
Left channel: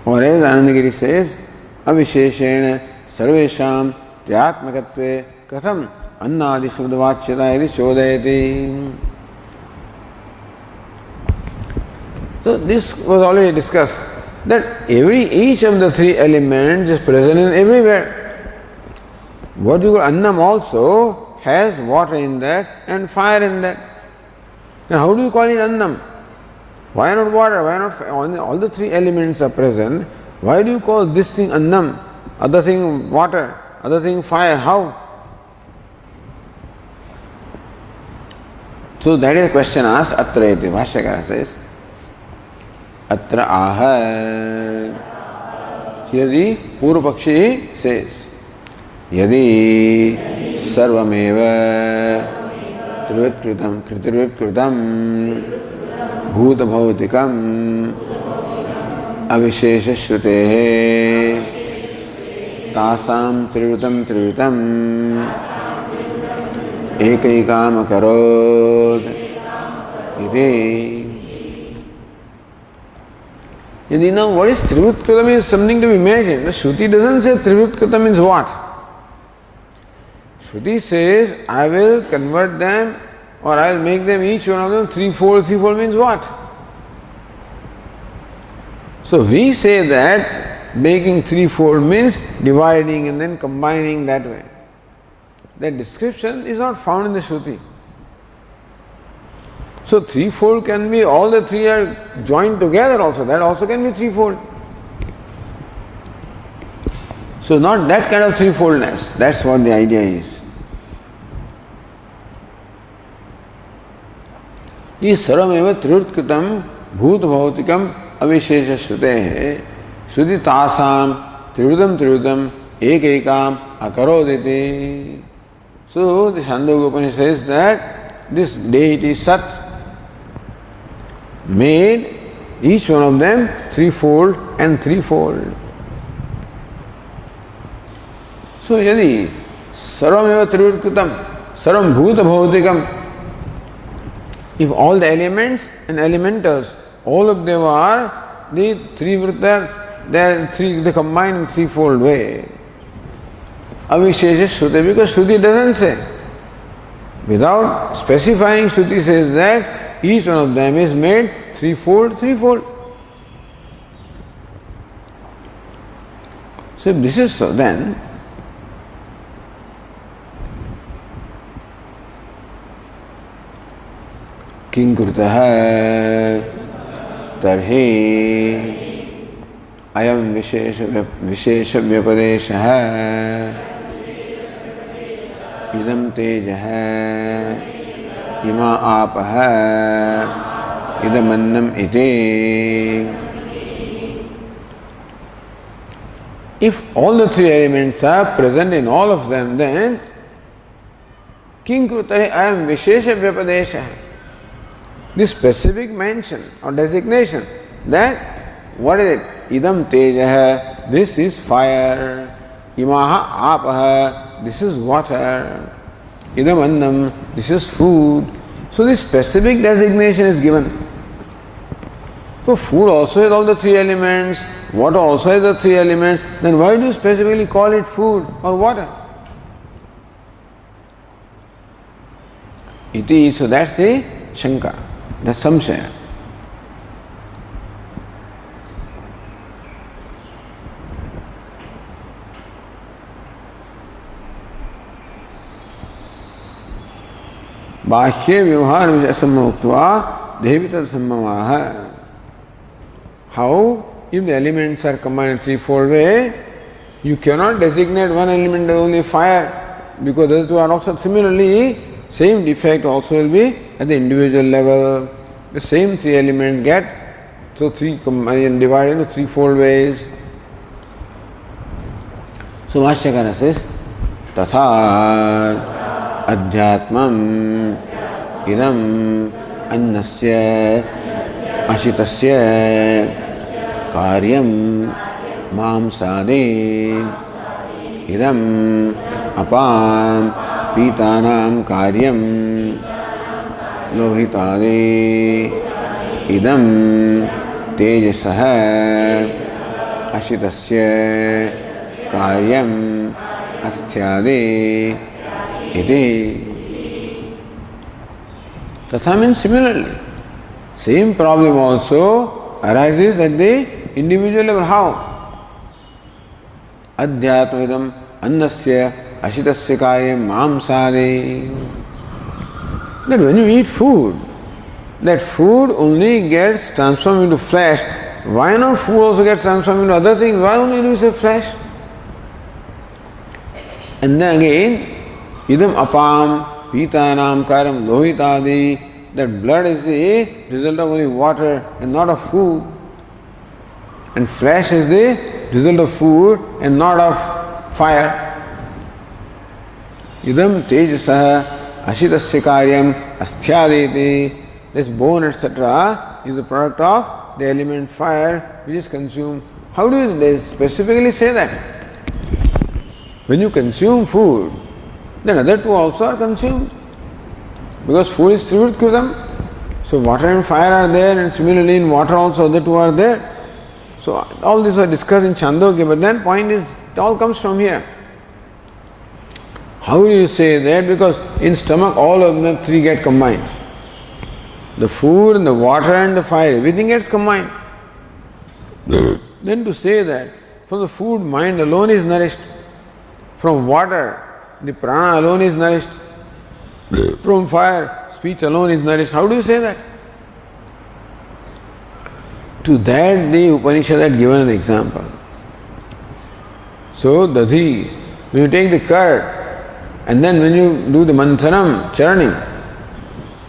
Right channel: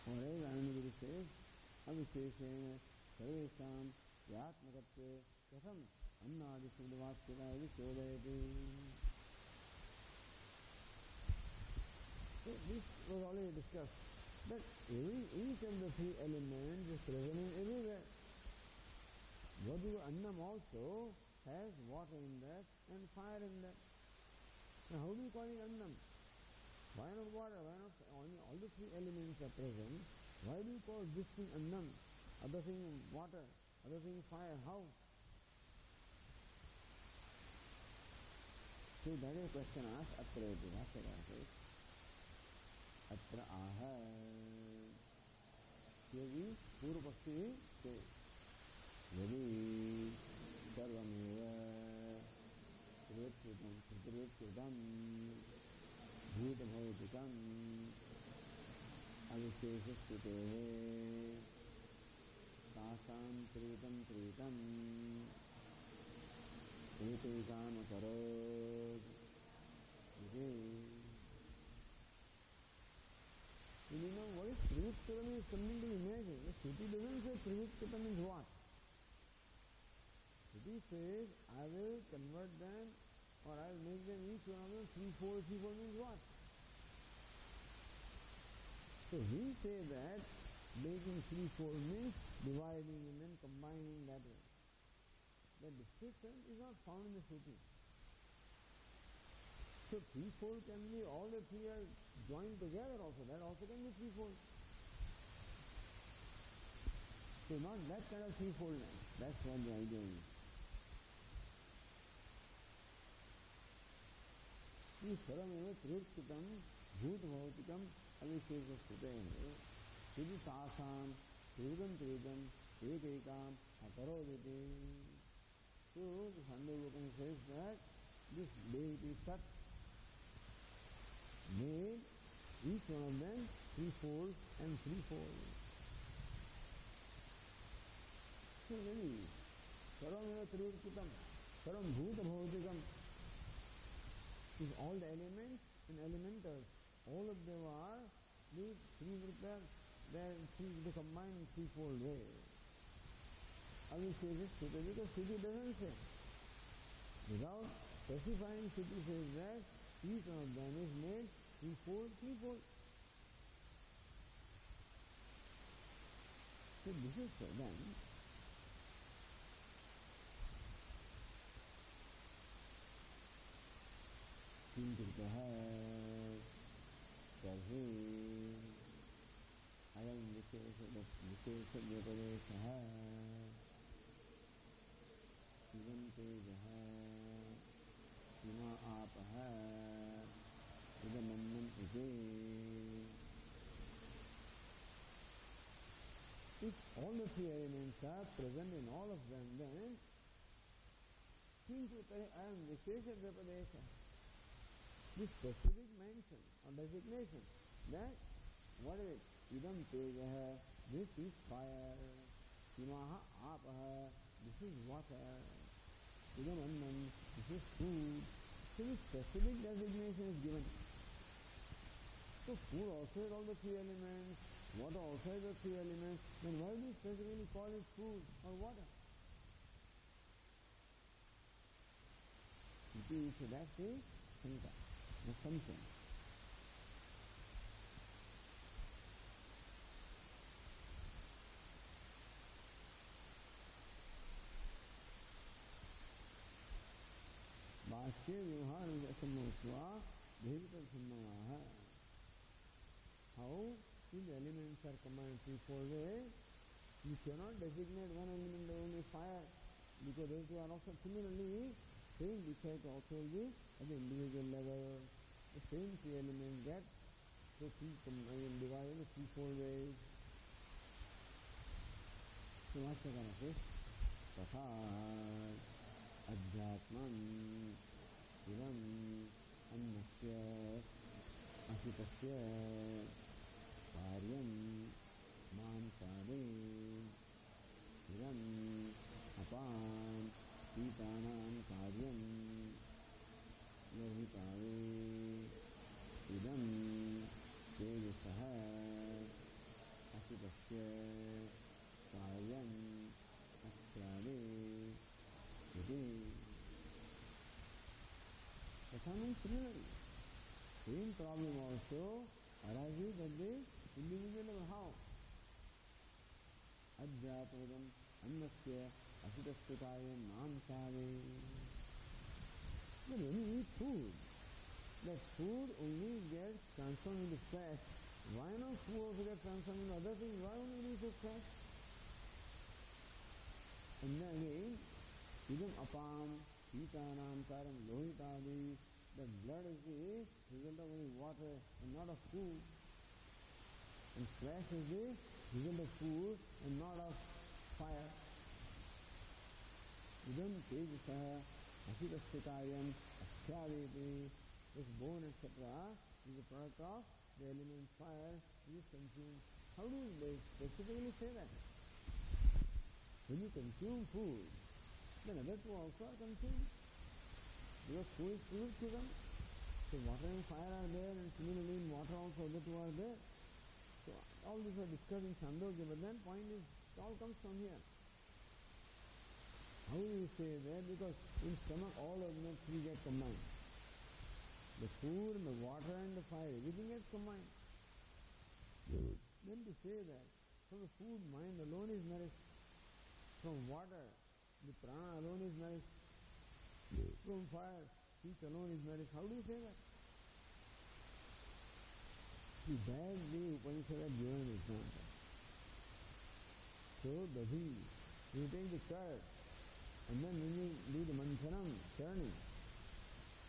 Or as Anandagiri says, avisheshena sarvesham tyatmakatve katham annadi subdavachyata iti chodayati. So this was already discussed, that each of the three elements is present in everywhere. What you call annam also has water in that and fire in that. Then how do you call it annam? Why not water? Why not fire? All the three elements are present. Why do you call this thing annam, other thing water, other thing fire? How? So that is a question asked. Atra iti. Bhashyakara says, Atra aha. Here the Purva Pakshi says, Yadi sarvameva trivitkritam kritirvitkritam bhuta bhautikam avishesha shrutehe tasam trivitam ekaikam akarod iti. You know what is Trivutkritam is something to be imagined. The Shruti doesn't say Trivutkritam means what. Shruti says, I will convert them or I will make them each one of them threefold. Threefold means what? So we say that making threefold means dividing and then combining that way. That description is not found in the Shruti. So threefold can be all the three are joined together also. That also can be threefold. So not that kind of threefoldness. That's what the idea is. Is sarvameva trivutkritam bhut bhautikam avishesha shrutehe shruti tasam trivutam ekaikam akaroditi. So the Chhandogya Upanishad says that this deity Sat made each one of them threefold and threefold. So yadi sarvameva trivutkritam, Sarvam Bhuta Bhautikam. If all the elements and elementals, all of them are the three vritta, they combine in threefold way. Avishesha Shruti, because Shruti doesn't say. Without specifying, Shruti says that each one of them is made threefold. So if this is so, then किं कृतः तर्हि अयं विशेष व्यपदेशः इदं तेजः इमा आपः इदमन्नम् इति. If all the three elements are present in all of them, then किं कृतः अयं विशेष व्यपदेशः, this specific mention or designation that what is it? Idam tejaha, this is fire. Imaha apaha, this is water. Idam annam, this is food. So this specific designation is given. So food also has all the three elements, water also has the three elements, then why do you specifically call it food or water? Iti, so that's the Shanka. That's samshaya. Bahye vyavhar vijasama uktva devita sammavaha. How? If the elements are combined in threefold way, you cannot designate one element as only fire, because the other two are also similarly, same defect also will be at the individual level. The same three elements get, so three divided into threefold ways. So Vashyakara says, Tatha Adhyatmam Idam Annasya Ashitasya Karyam Mamsade Idam Apam Pitanam Karyam Lohitade Idam Tejasaha Ashitasya Karyam Asthyade Iti. Tatha means similarly. Same problem also arises at the individual level. How? Adhyatmidam annasya ashitasya karyam mamsade. That when you eat food, that food only gets transformed into flesh. Why not food also gets transformed into other things? Why only do you say flesh? And then again, idam apam pitanam karam lohitadi, that blood is the result of only water and not of food. And flesh is the result of food and not of fire. Idam tejasaha ashitasya karyam asthyadeti. This bone, etc., is the product of the element fire which is consumed. How do they specifically say that? When you consume food, then other two also are consumed. Because food is trivritkritam. So water and fire are there, and similarly in water also other two are there. So all this was discussed in Chhandogya, but then point is, it all comes from here. How do you say that? Because in stomach all of the three get combined. The food and the water and the fire, everything gets combined. Then to say that from the food, mind alone is nourished. From water, the prana alone is nourished. From fire, speech alone is nourished. How do you say that? To that the Upanishad had given an example. So, dadhi, when you take the curd, and then when you do the manthanam, churning,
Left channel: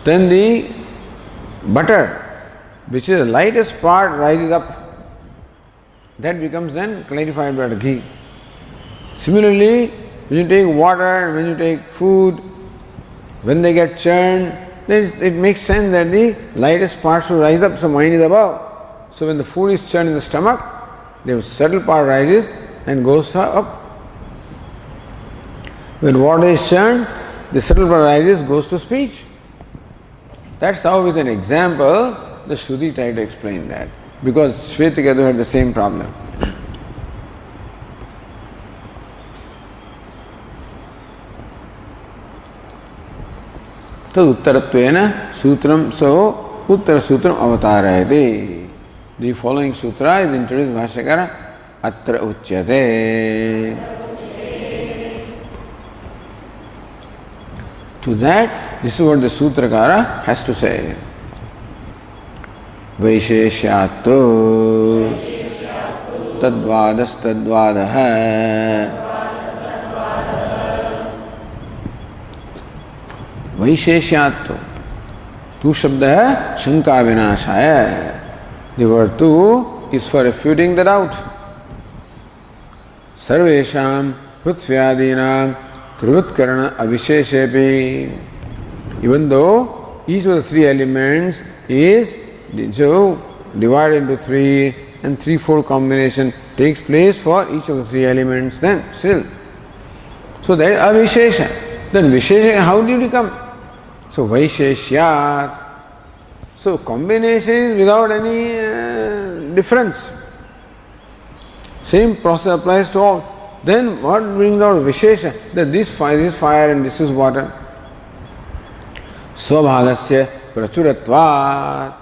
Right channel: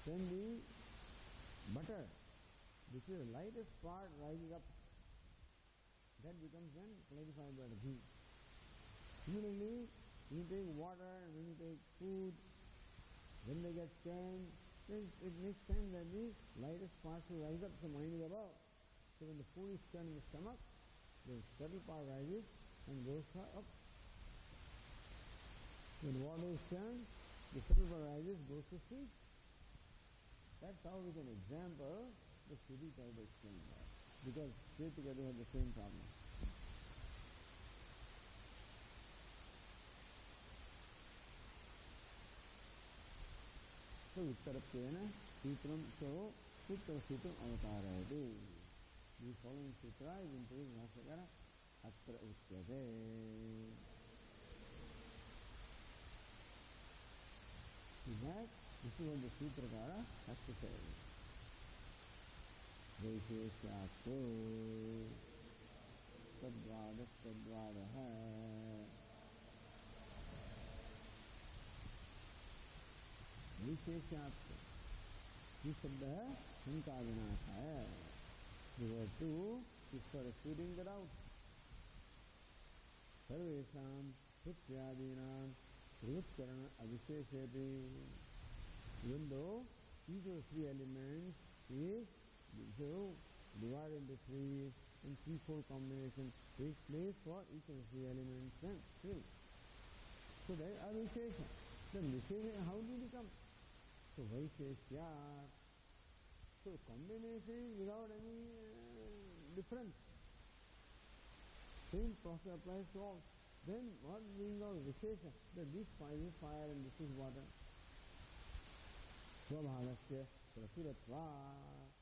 then the butter, which is the lightest part, rises up. That becomes then clarified by the ghee. Similarly, when you take water and when you take food, when they get churned, then it makes sense that the lightest part should rise up, so mind is above. So when the food is churned in the stomach, the subtle part rises and goes up. When water is churned, the subtle part arises, goes to speech. That's how with an example the Shruti tried to explain that. Because Shvetakadu had the same problem. तद उत्तरत्वेन सूत्रम सो उत्तर सूत्रम अवतारयते. The following sutra is introduced Bhashyakara atra uchyate. To that, this is what the Sutrakara has to say. Vaisheshyatto tadvadastadvadaha. वैशेष्यात्व तू शब्द है शंका विनाशाय. The word tu is for refuting the doubt. सर्वेषां पृथ्व्यादीनां त्रिवृत्करण अविशेषेपि. Even though each of the three elements is so divided into three and threefold combination takes place for each of the three elements, then still. So that is avishesha. Then vishesha, how did it come? So vaisheshyat. So combination is without any difference. Same process applies to all. Then what brings out vishesha? That this fire and this is water. Svabhagasya prachuratvat.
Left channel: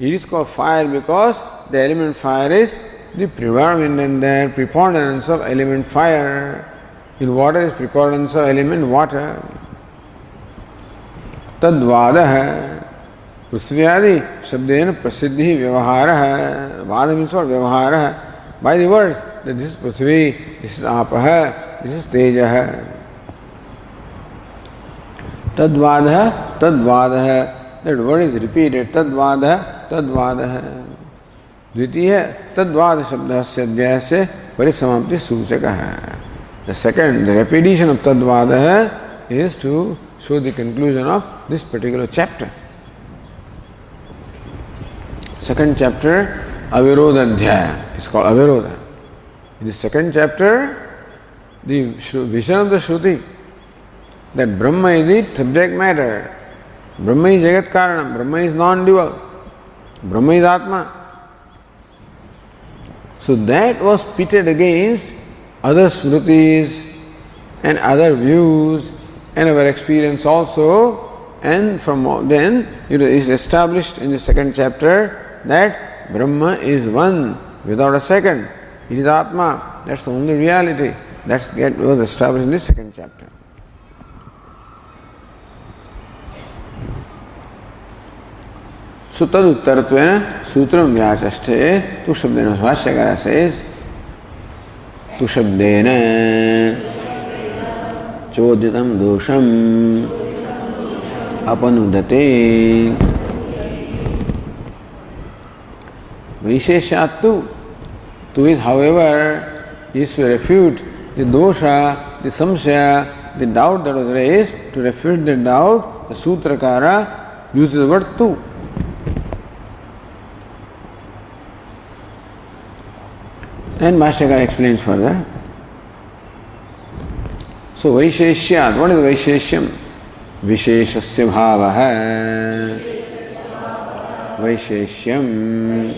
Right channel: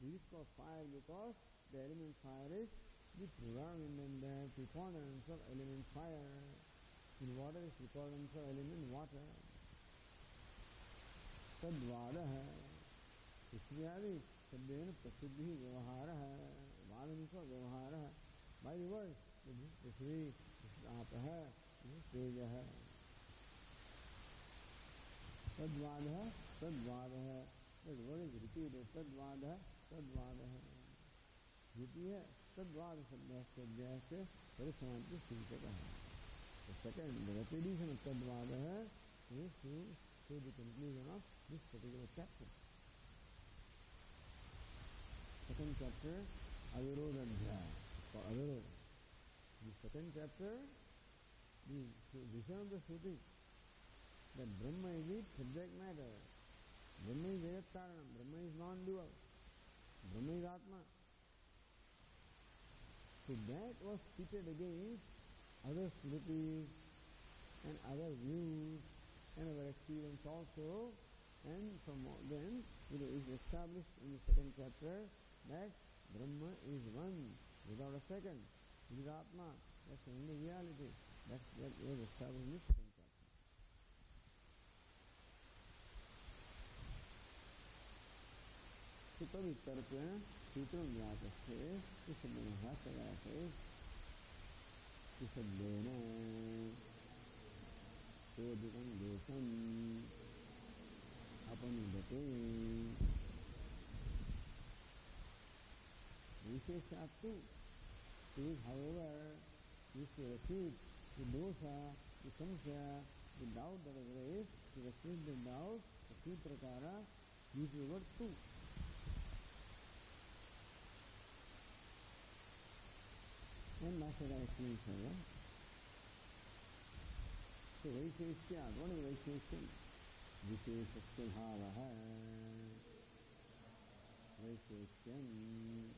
It is called fire because the element fire is the preponderance of element fire. In water is preponderance of element water. Tadvadaha. Prithvyadi shabdena prasiddhi vyavaharaha. Vada means what? Vyavaharaha. By the words that this is Prithvi, this is Apaha, this is Tejaha. Tadvadaha, Tadvadaha. That word is repeated. Tadvadaha, Tadvadaha. Dvitiya Tadvada shabdasya adhyasya parisamapti suchakaha. The second, the repetition of Tadvadaha is to show the conclusion of this particular chapter. Second chapter, Avirodha is called Avirodha. In the second chapter, the vision of the Shruti, that Brahma is the subject matter. Brahma is Jagat Karanam. Brahma is non-dual. Brahma is Atma. So that was pitted against other smritis and other views and our experience also, and from then it is established in the second chapter that Brahma is one without a second. It is Atma. That's the only reality. That was established in the second chapter. So tad uttaratvena sutram vyachashte. Tu shabdena Bhashyakara says tu shabdena chodyatam dosham apanudate. Vaisheshyattu. Tu is, however, is to refute the dosha, the samshaya, the doubt that was raised. To refute the doubt, the Sutrakara uses the word tu. And Bhashyakara explains further. So Vaisheshyat, what is Vaisheshyam? Visheshasya bhavaha. Vaisheshyam.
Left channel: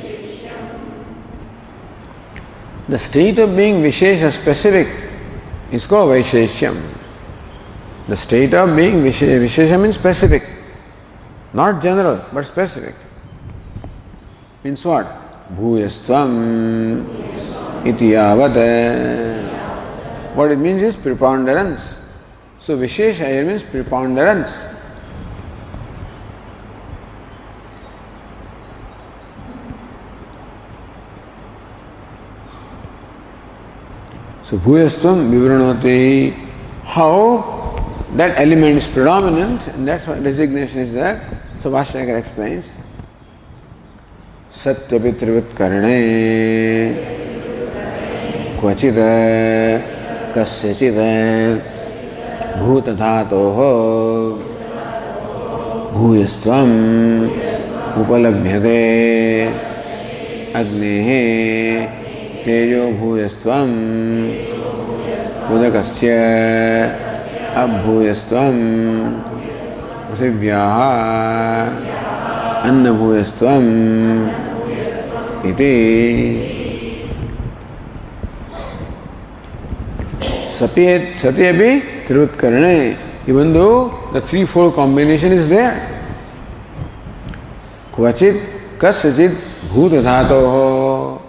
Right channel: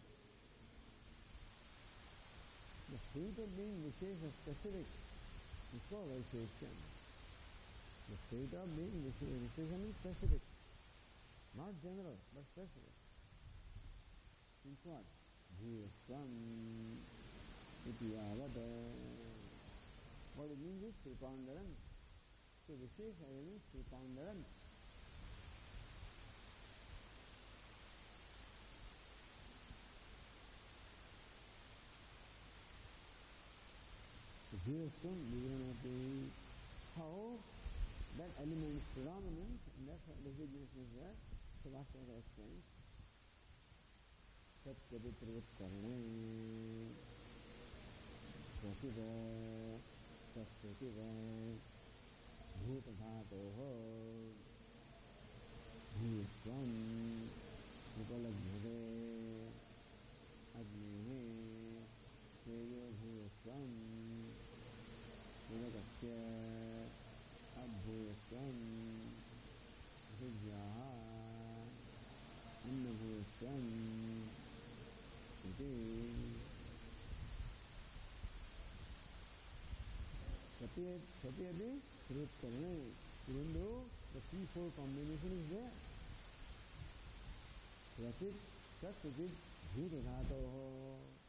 The state of being Vishesha specific is called Vaisheshyam. The state of being Vishesha means specific. Not general, but specific. Means what? Bhuyastvam iti yavata. What it means is preponderance. So Vishesha here means preponderance. So Bhuyastvam vivranoti. How that element is predominant, and that's why designation is there. So Bhashyakara explains. Satyapitrivitkarane kvachita kasyachita bhutadhatoho bhuyastvam upalabhyate agnehe tejo bhuyastvam udakasya abhuyastvam prithivyaha annabhuyastvam iti satyapi tirutkarane. Even though the threefold combination is there. Kvachit kasachit bhutadhatoho.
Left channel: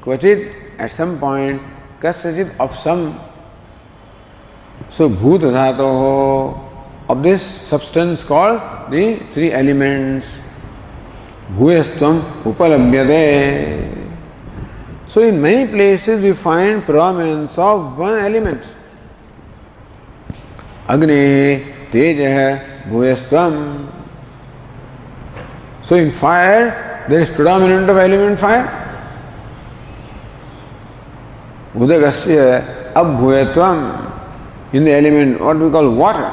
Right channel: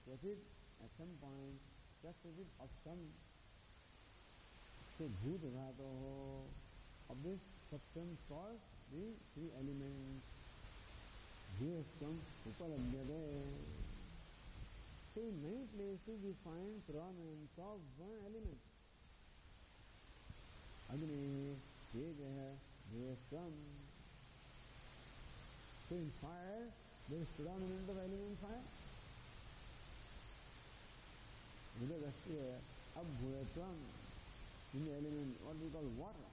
Kvachit, at some point, kasachit, of some. So bhutadhatoho, of this substance called the three elements. Bhuyastvam upalabhyate. So in many places we find predominance of one element. Agni, Teja, Bhuyastvam. So in fire, there is predominant of element fire. Udagasya, Abhuyatvam. In the element, what we call water,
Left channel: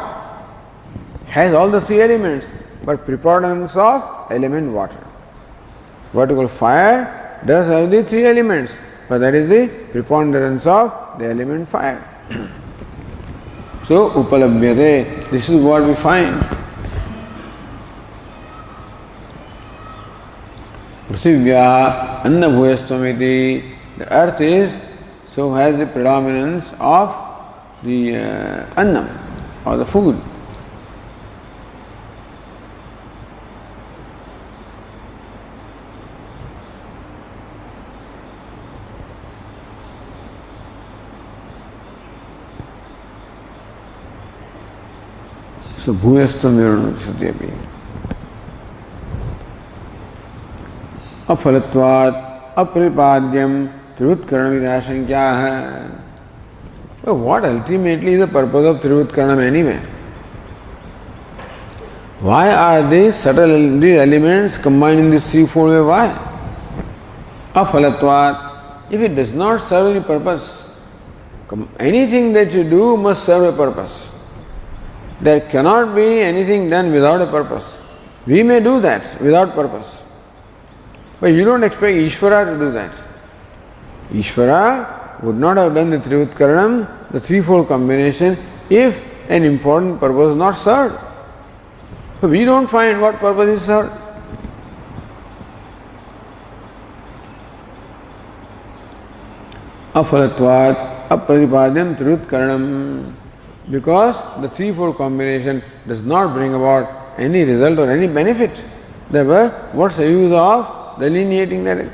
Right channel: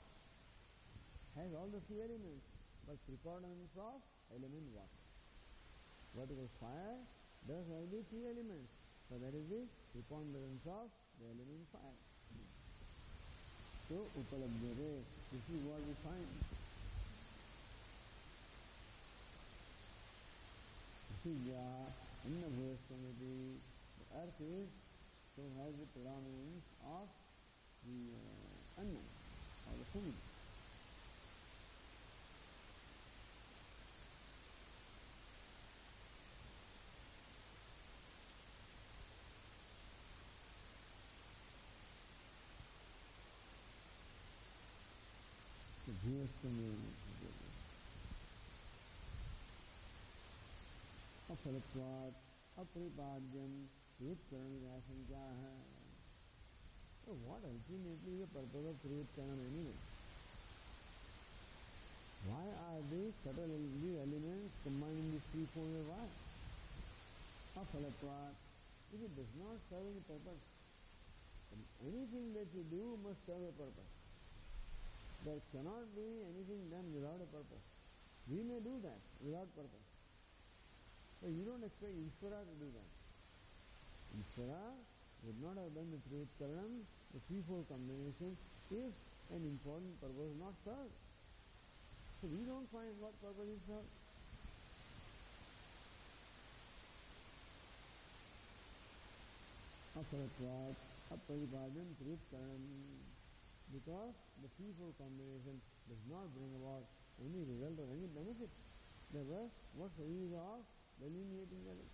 has all the three elements, but preponderance of element water. What we call fire does have the three elements, but that is the preponderance of the element fire. So, upalabhyate, this is what we find. Prithivya annabhuyastvamiti, the earth is, so has the predominance of the annam, or the food. So bhuyastvam satyapi. Afalatvat apripadyam trivutkaranam vidashankyaha. Well, what ultimately is the purpose of trivutkaranam anyway? Why are these subtle these elements combined in this threefold way? Why? Afalatvat. If it does not serve any purpose, anything that you do must serve a purpose. There cannot be anything done without a purpose. We may do that without purpose. But you don't expect Ishvara to do that. Ishvara would not have done the Trivutkaranam, the threefold combination, if an important purpose is not served. So we don't find what purpose is served. Afalatvat apratipadyam Trivutkaranam. Because the threefold combination does not bring about any result or any benefit. Therefore, what's the use of delineating that?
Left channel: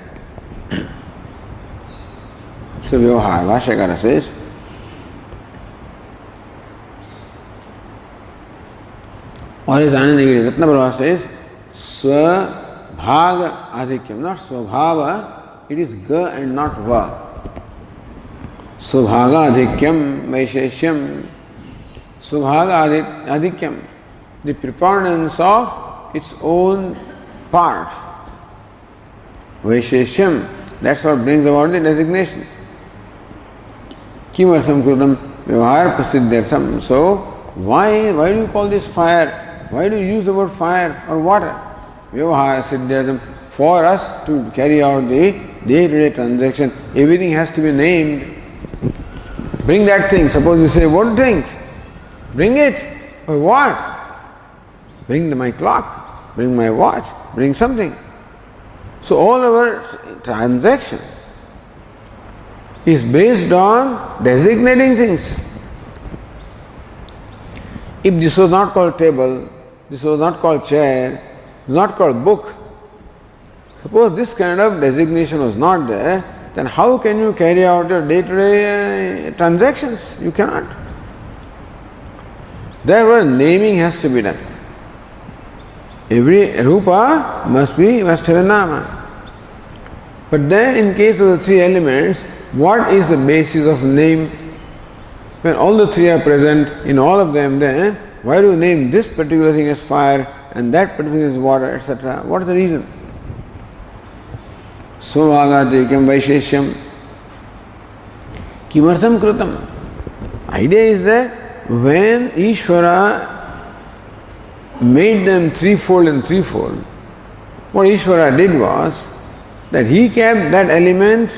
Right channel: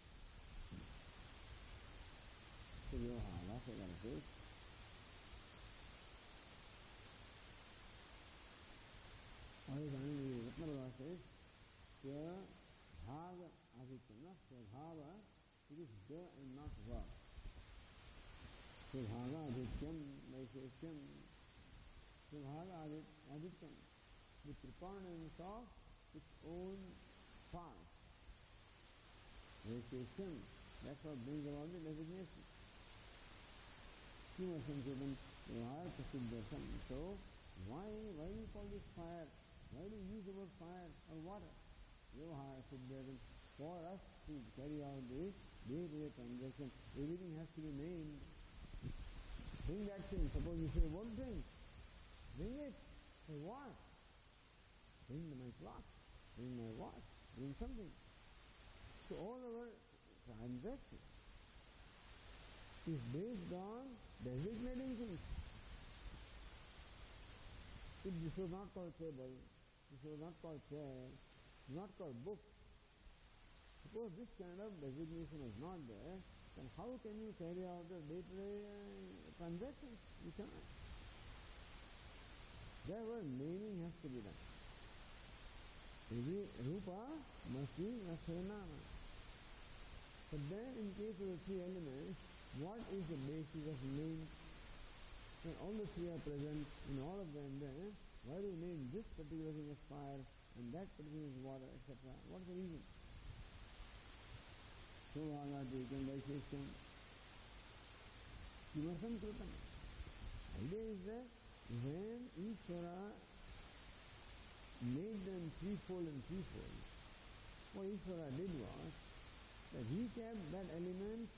So, Vyavahara Bhashyakara says, or his Anandagiri Ratnaprabha says, Swabhaga Adhikyam, not Swabhava, it is Ga and not Va. Swabhaga Adhikyam Vaisheshyam. Swabhaga Adhikyam, the preponderance of its own part. Vaisheshyam, that's what brings about the designation. Kimartham Krutam Vyavahara Prasiddhyartham. So, why do you call this fire? Why do you use the word fire or water? Vyavahara Siddhyartham. For us to carry out the day-to-day transaction, everything has to be named. Bring that thing. Suppose you say, what drink? Bring it. For what? Bring my clock, bring my watch, bring something. So all our transaction is based on designating things. If this was not called table, this was not called chair, not called book, suppose this kind of designation was not there, then how can you carry out your day-to-day transactions? You cannot. Therefore, naming has to be done. Every rupa must have a nama. But then, in case of the three elements, what is the basis of name? When all the three are present in all of them, then why do you name this particular thing as fire and that particular thing as water, etc.? What is the reason? Svabhagatikam Vaisheshyam Kimartham Krutam. Idea is that when Ishvara made them threefold and threefold, what Ishvara did was that he kept that element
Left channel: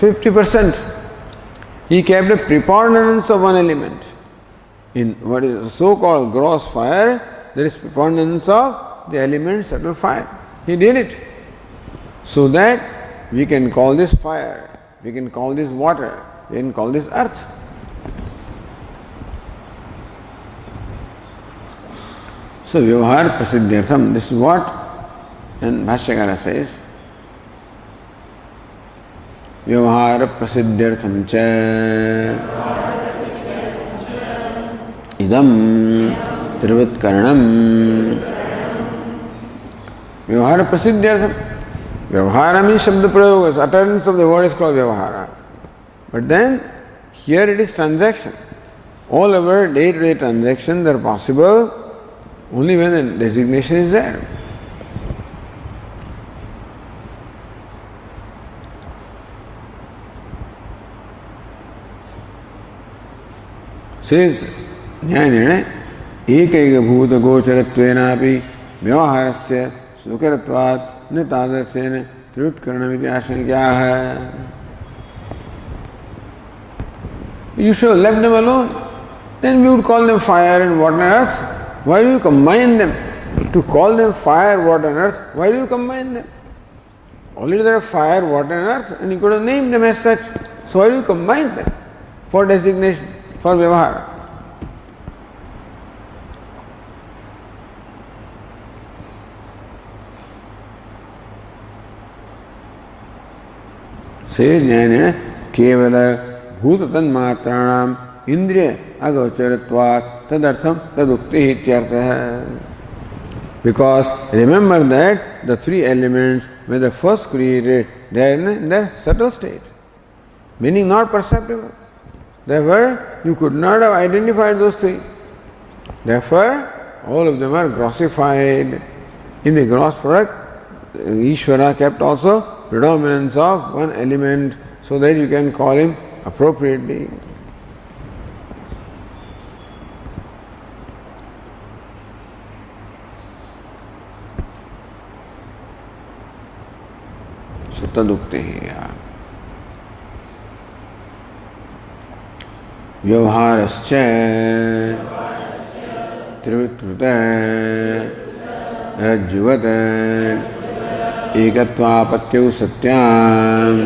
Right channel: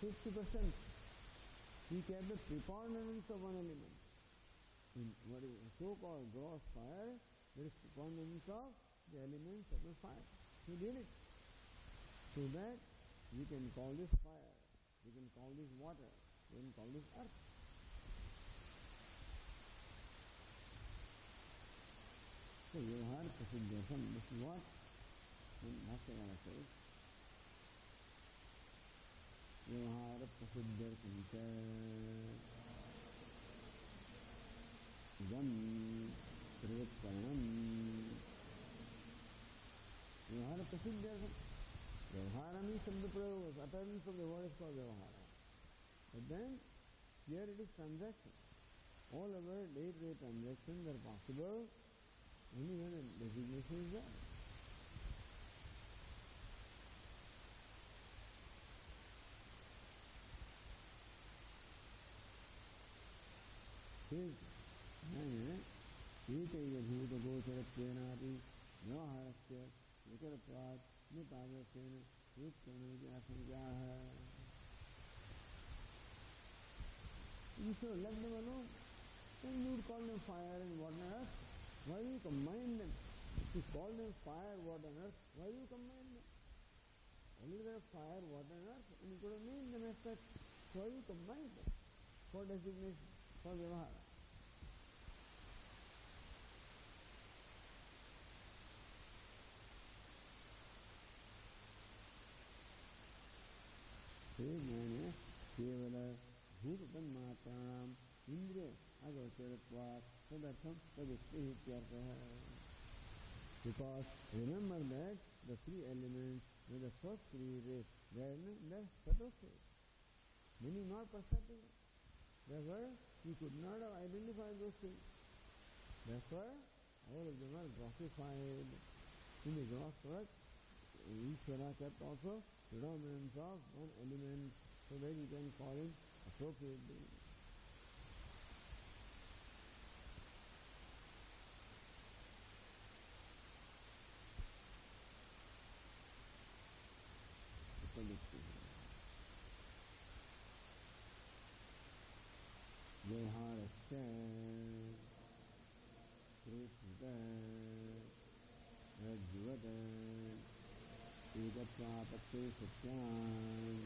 50%. He kept a preponderance of one element. in what is so-called gross fire, there is preponderance of the elements that will fire. He did it so that we can call this fire, we can call this water, we can call this earth. So Vyavahar Prasiddhyartham, this is what, and Bhashyakara says, Vyavahar Prasiddhyartham cha idam Trivutkaranam. Vyavahara Prasiddhyartham. Vyavahara means Shabda Prayoga, utterance of the word is called Vyavahara. But then, here it is transaction. All our day-to-day transactions are possible only when the designation is there. Says Jnanirane, Ekaiga Bhuta Gocharatvenapi Vyavaharasya Sukaratvat Nitadarthena Trivutkaranamiti Ashankyaha. You should have left them alone. Then we would call them fire and water and earth. Why do you combine them? To call them fire, water and earth, why do you combine them? Already there are fire, water and earth, and you could have named them as such. So why do you combine them for designation, for Vyavahara? Says Jnanena, Kevala Bhutatan Matranam Indriya Agocharatvat Tadartham Tadukti Hityartha. Because remember that the three elements when they first created, they are in their subtle state, meaning not perceptible. Therefore, you could not have identified those three. Therefore, all of them are grossified. In the gross product, Ishvara kept also predominance of one element so that you can call him appropriately. So tadukti. Vyavaharascha Trivutruta Rajjuvata Ekatvapatyau Satyam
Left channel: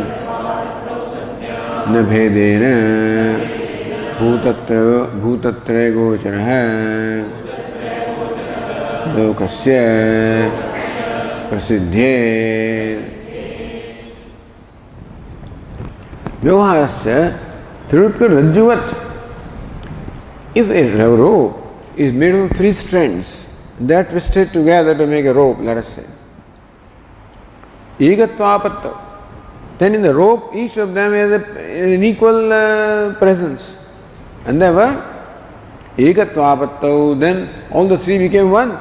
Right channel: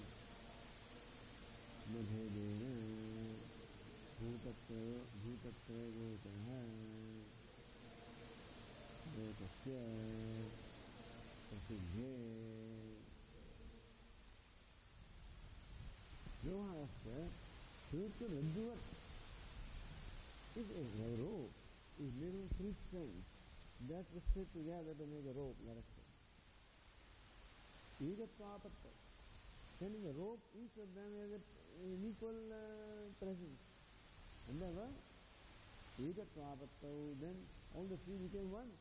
Nabhedena Bhutatre Gocharaha Lokasya Prasiddhye. Vyavaharasya Trivutka Rajjuvat. If a rope is made of three strands, they are twisted together to make a rope, let us say. Egatvapatta. Then in the rope, each of them has an equal presence. And therefore, Egatvapatta, then all the three became one.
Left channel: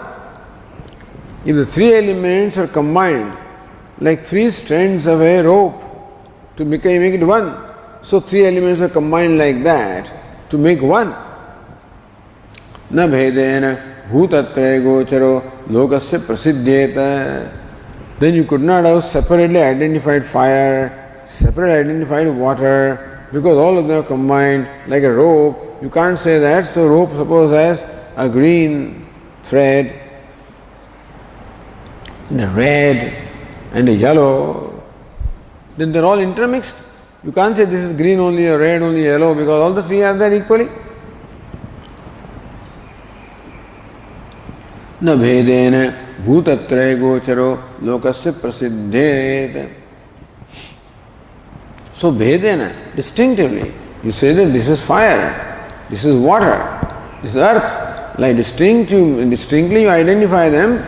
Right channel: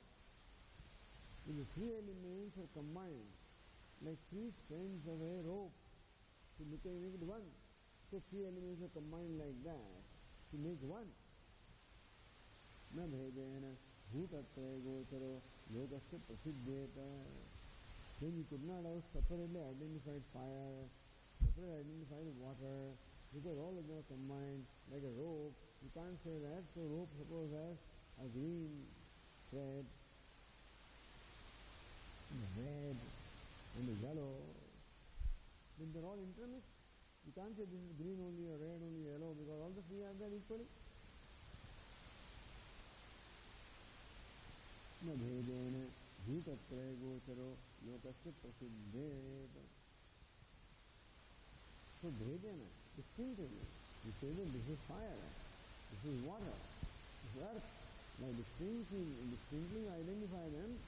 If the three elements are combined like three strands of a rope to make it one, so three elements are combined like that to make one. Na bhedena bhutatre gocharo lokasya prasiddhyeta. Then you could not have separately identified fire, separately identified water, because all of them are combined like a rope. You can't say that. So rope suppose has a green thread and a red and a yellow. Then they're all intermixed. You can't say this is green only, or red only, yellow, because all the three are there equally. Na bhedena bhutatre gocharo lokasya prasiddhet. So bhedena, distinctively, you say that this is fire, this is water, this is earth. Like distinctly you identify them.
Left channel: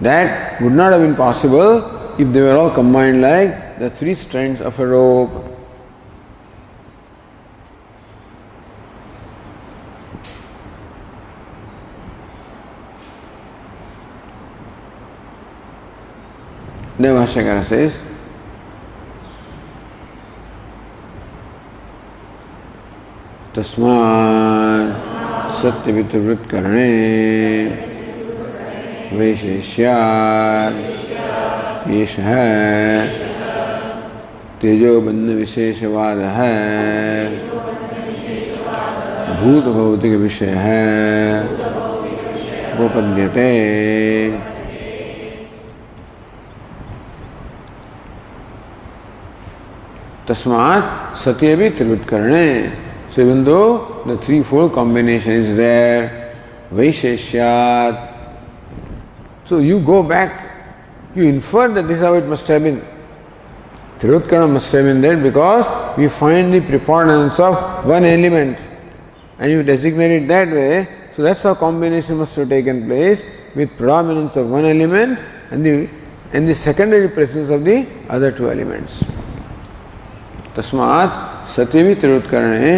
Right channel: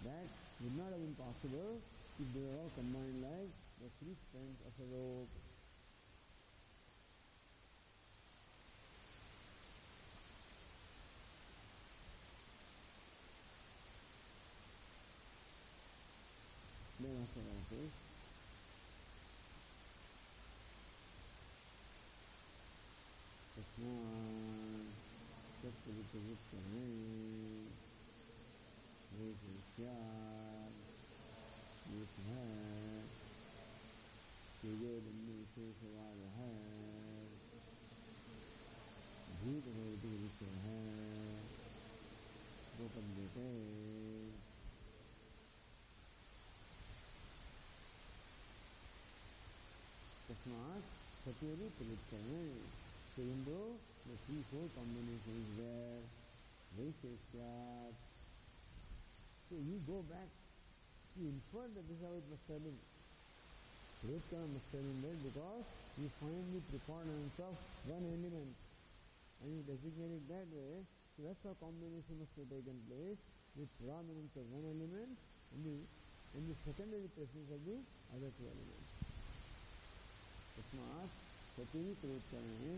That would not have been possible if they were all combined like the three strands of a rope. Then Bhashyakara says, Tasmad Satyavitavritkarane Vaisheshyat Yeshah Tejo Bandha Visheshavadah भूत भौतिक विषय है उपपद्यते। तस्मात् सत्य भी त्रिवृत्करणे। So even though the threefold combination is there, Vaisheshyat, so you go back, you infer that this is how it must have been. Trivutkarana must have been there because we find the preponderance of one element and you designate it that way. So that's how combination must have taken place, with predominance of one element and the secondary presence of the other two elements. तस्मात् सत्यवि त्रिवृत्करणे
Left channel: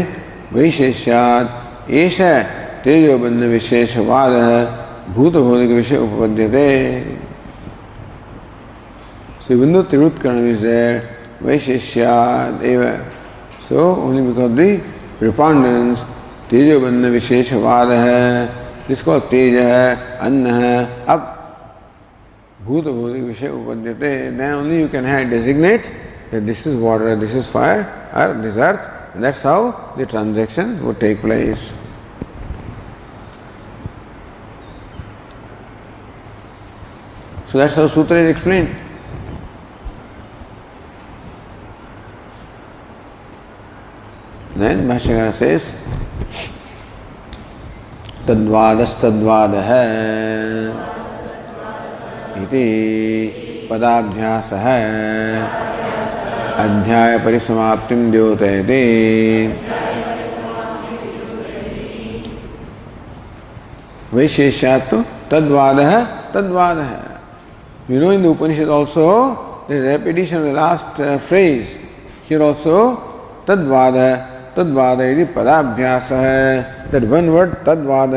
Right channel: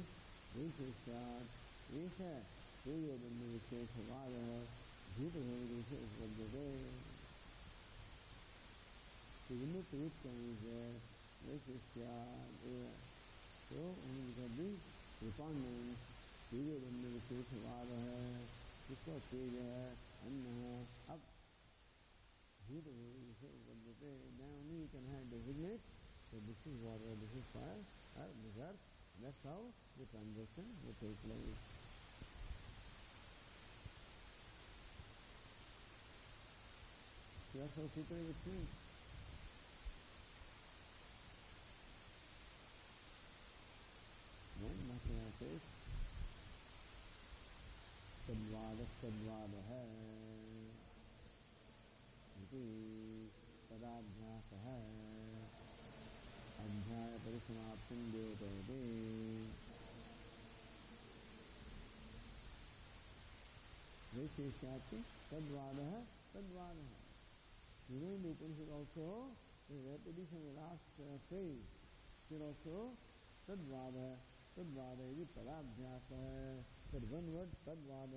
वैशेष्यात् एष तेजोबन्ध विशेषवादः भूतभौतिक विषय उपपद्यते. So even though Trivutkaranam is there, Vaisheshyat eva. So only because of the preponderance, Tejobandha Visheshavada hai, this is called Teja, Anna, up, Bhuta Bhutik Vishya Upadyate. Then only you can designate that this is water, this is fire, earth, this earth, and that's how the transaction would take place. So that's how Sutra is explained. Then Bhashyakara says, तद्वादस्तद्वादः इति पदाभ्यासः अध्याय परिसमाप्तिं द्योतयति. वैशेष्यात् तद्वादः तद्वादः. You know in the Upanishad also there is repetition of the last phrase. Here also तद्वादः तद्वाद इति पदाभ्यास है. That one word तद्वाद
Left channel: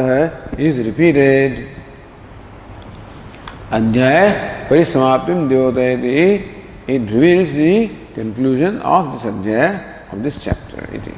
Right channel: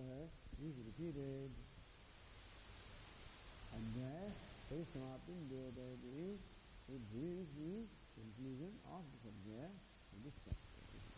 is repeated. अध्याय परिसमाप्तिं द्योतयति. It reveals the conclusion of this अध्याय, of this chapter. इति.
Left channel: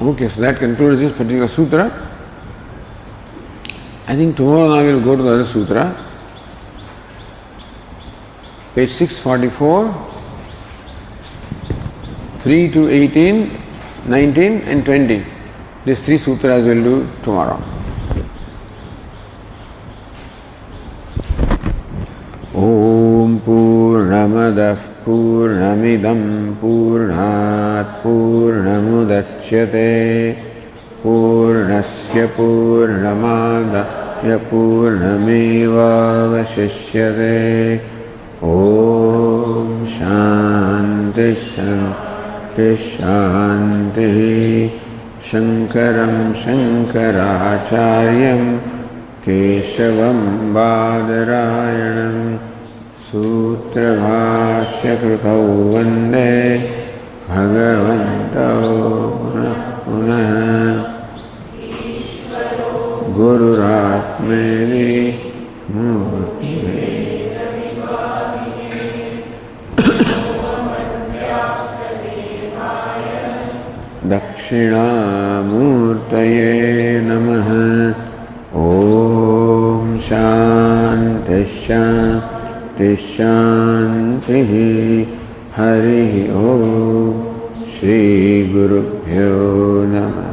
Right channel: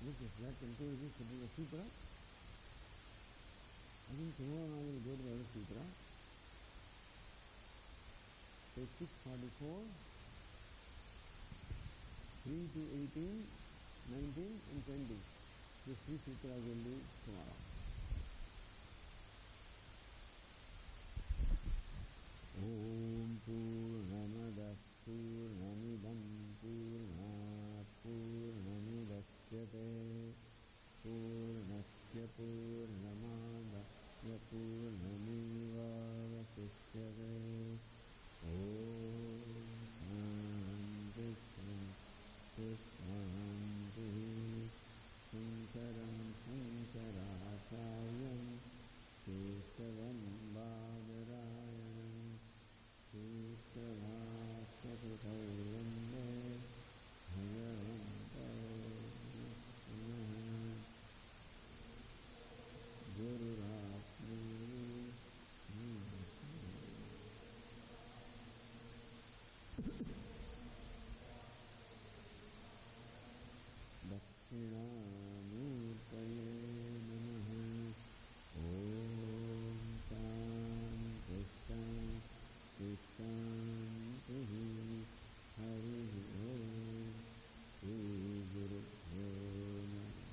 Okay, so that concludes this particular sutra. I think tomorrow now we will go to the other sutra. Page 644, 3 to 18, 19 and 20. These three sutras we will do tomorrow. Om Purnamadah Purnamidam Purnat Purnamudachyate Purnasya Purnamadaya Purnameva Vashishyate. Om Shanti Shanti Shanti. Shankaram Shankaracharyam Keshavam Badarayanam Sutrabhashya Krutau Vande Bhagavantau Punah Gururatmeni Murti Dakshinamurtaye Namaha. Om Shanti Shanti Shanti. Hari Om. Shri Gurubhyo Namaha.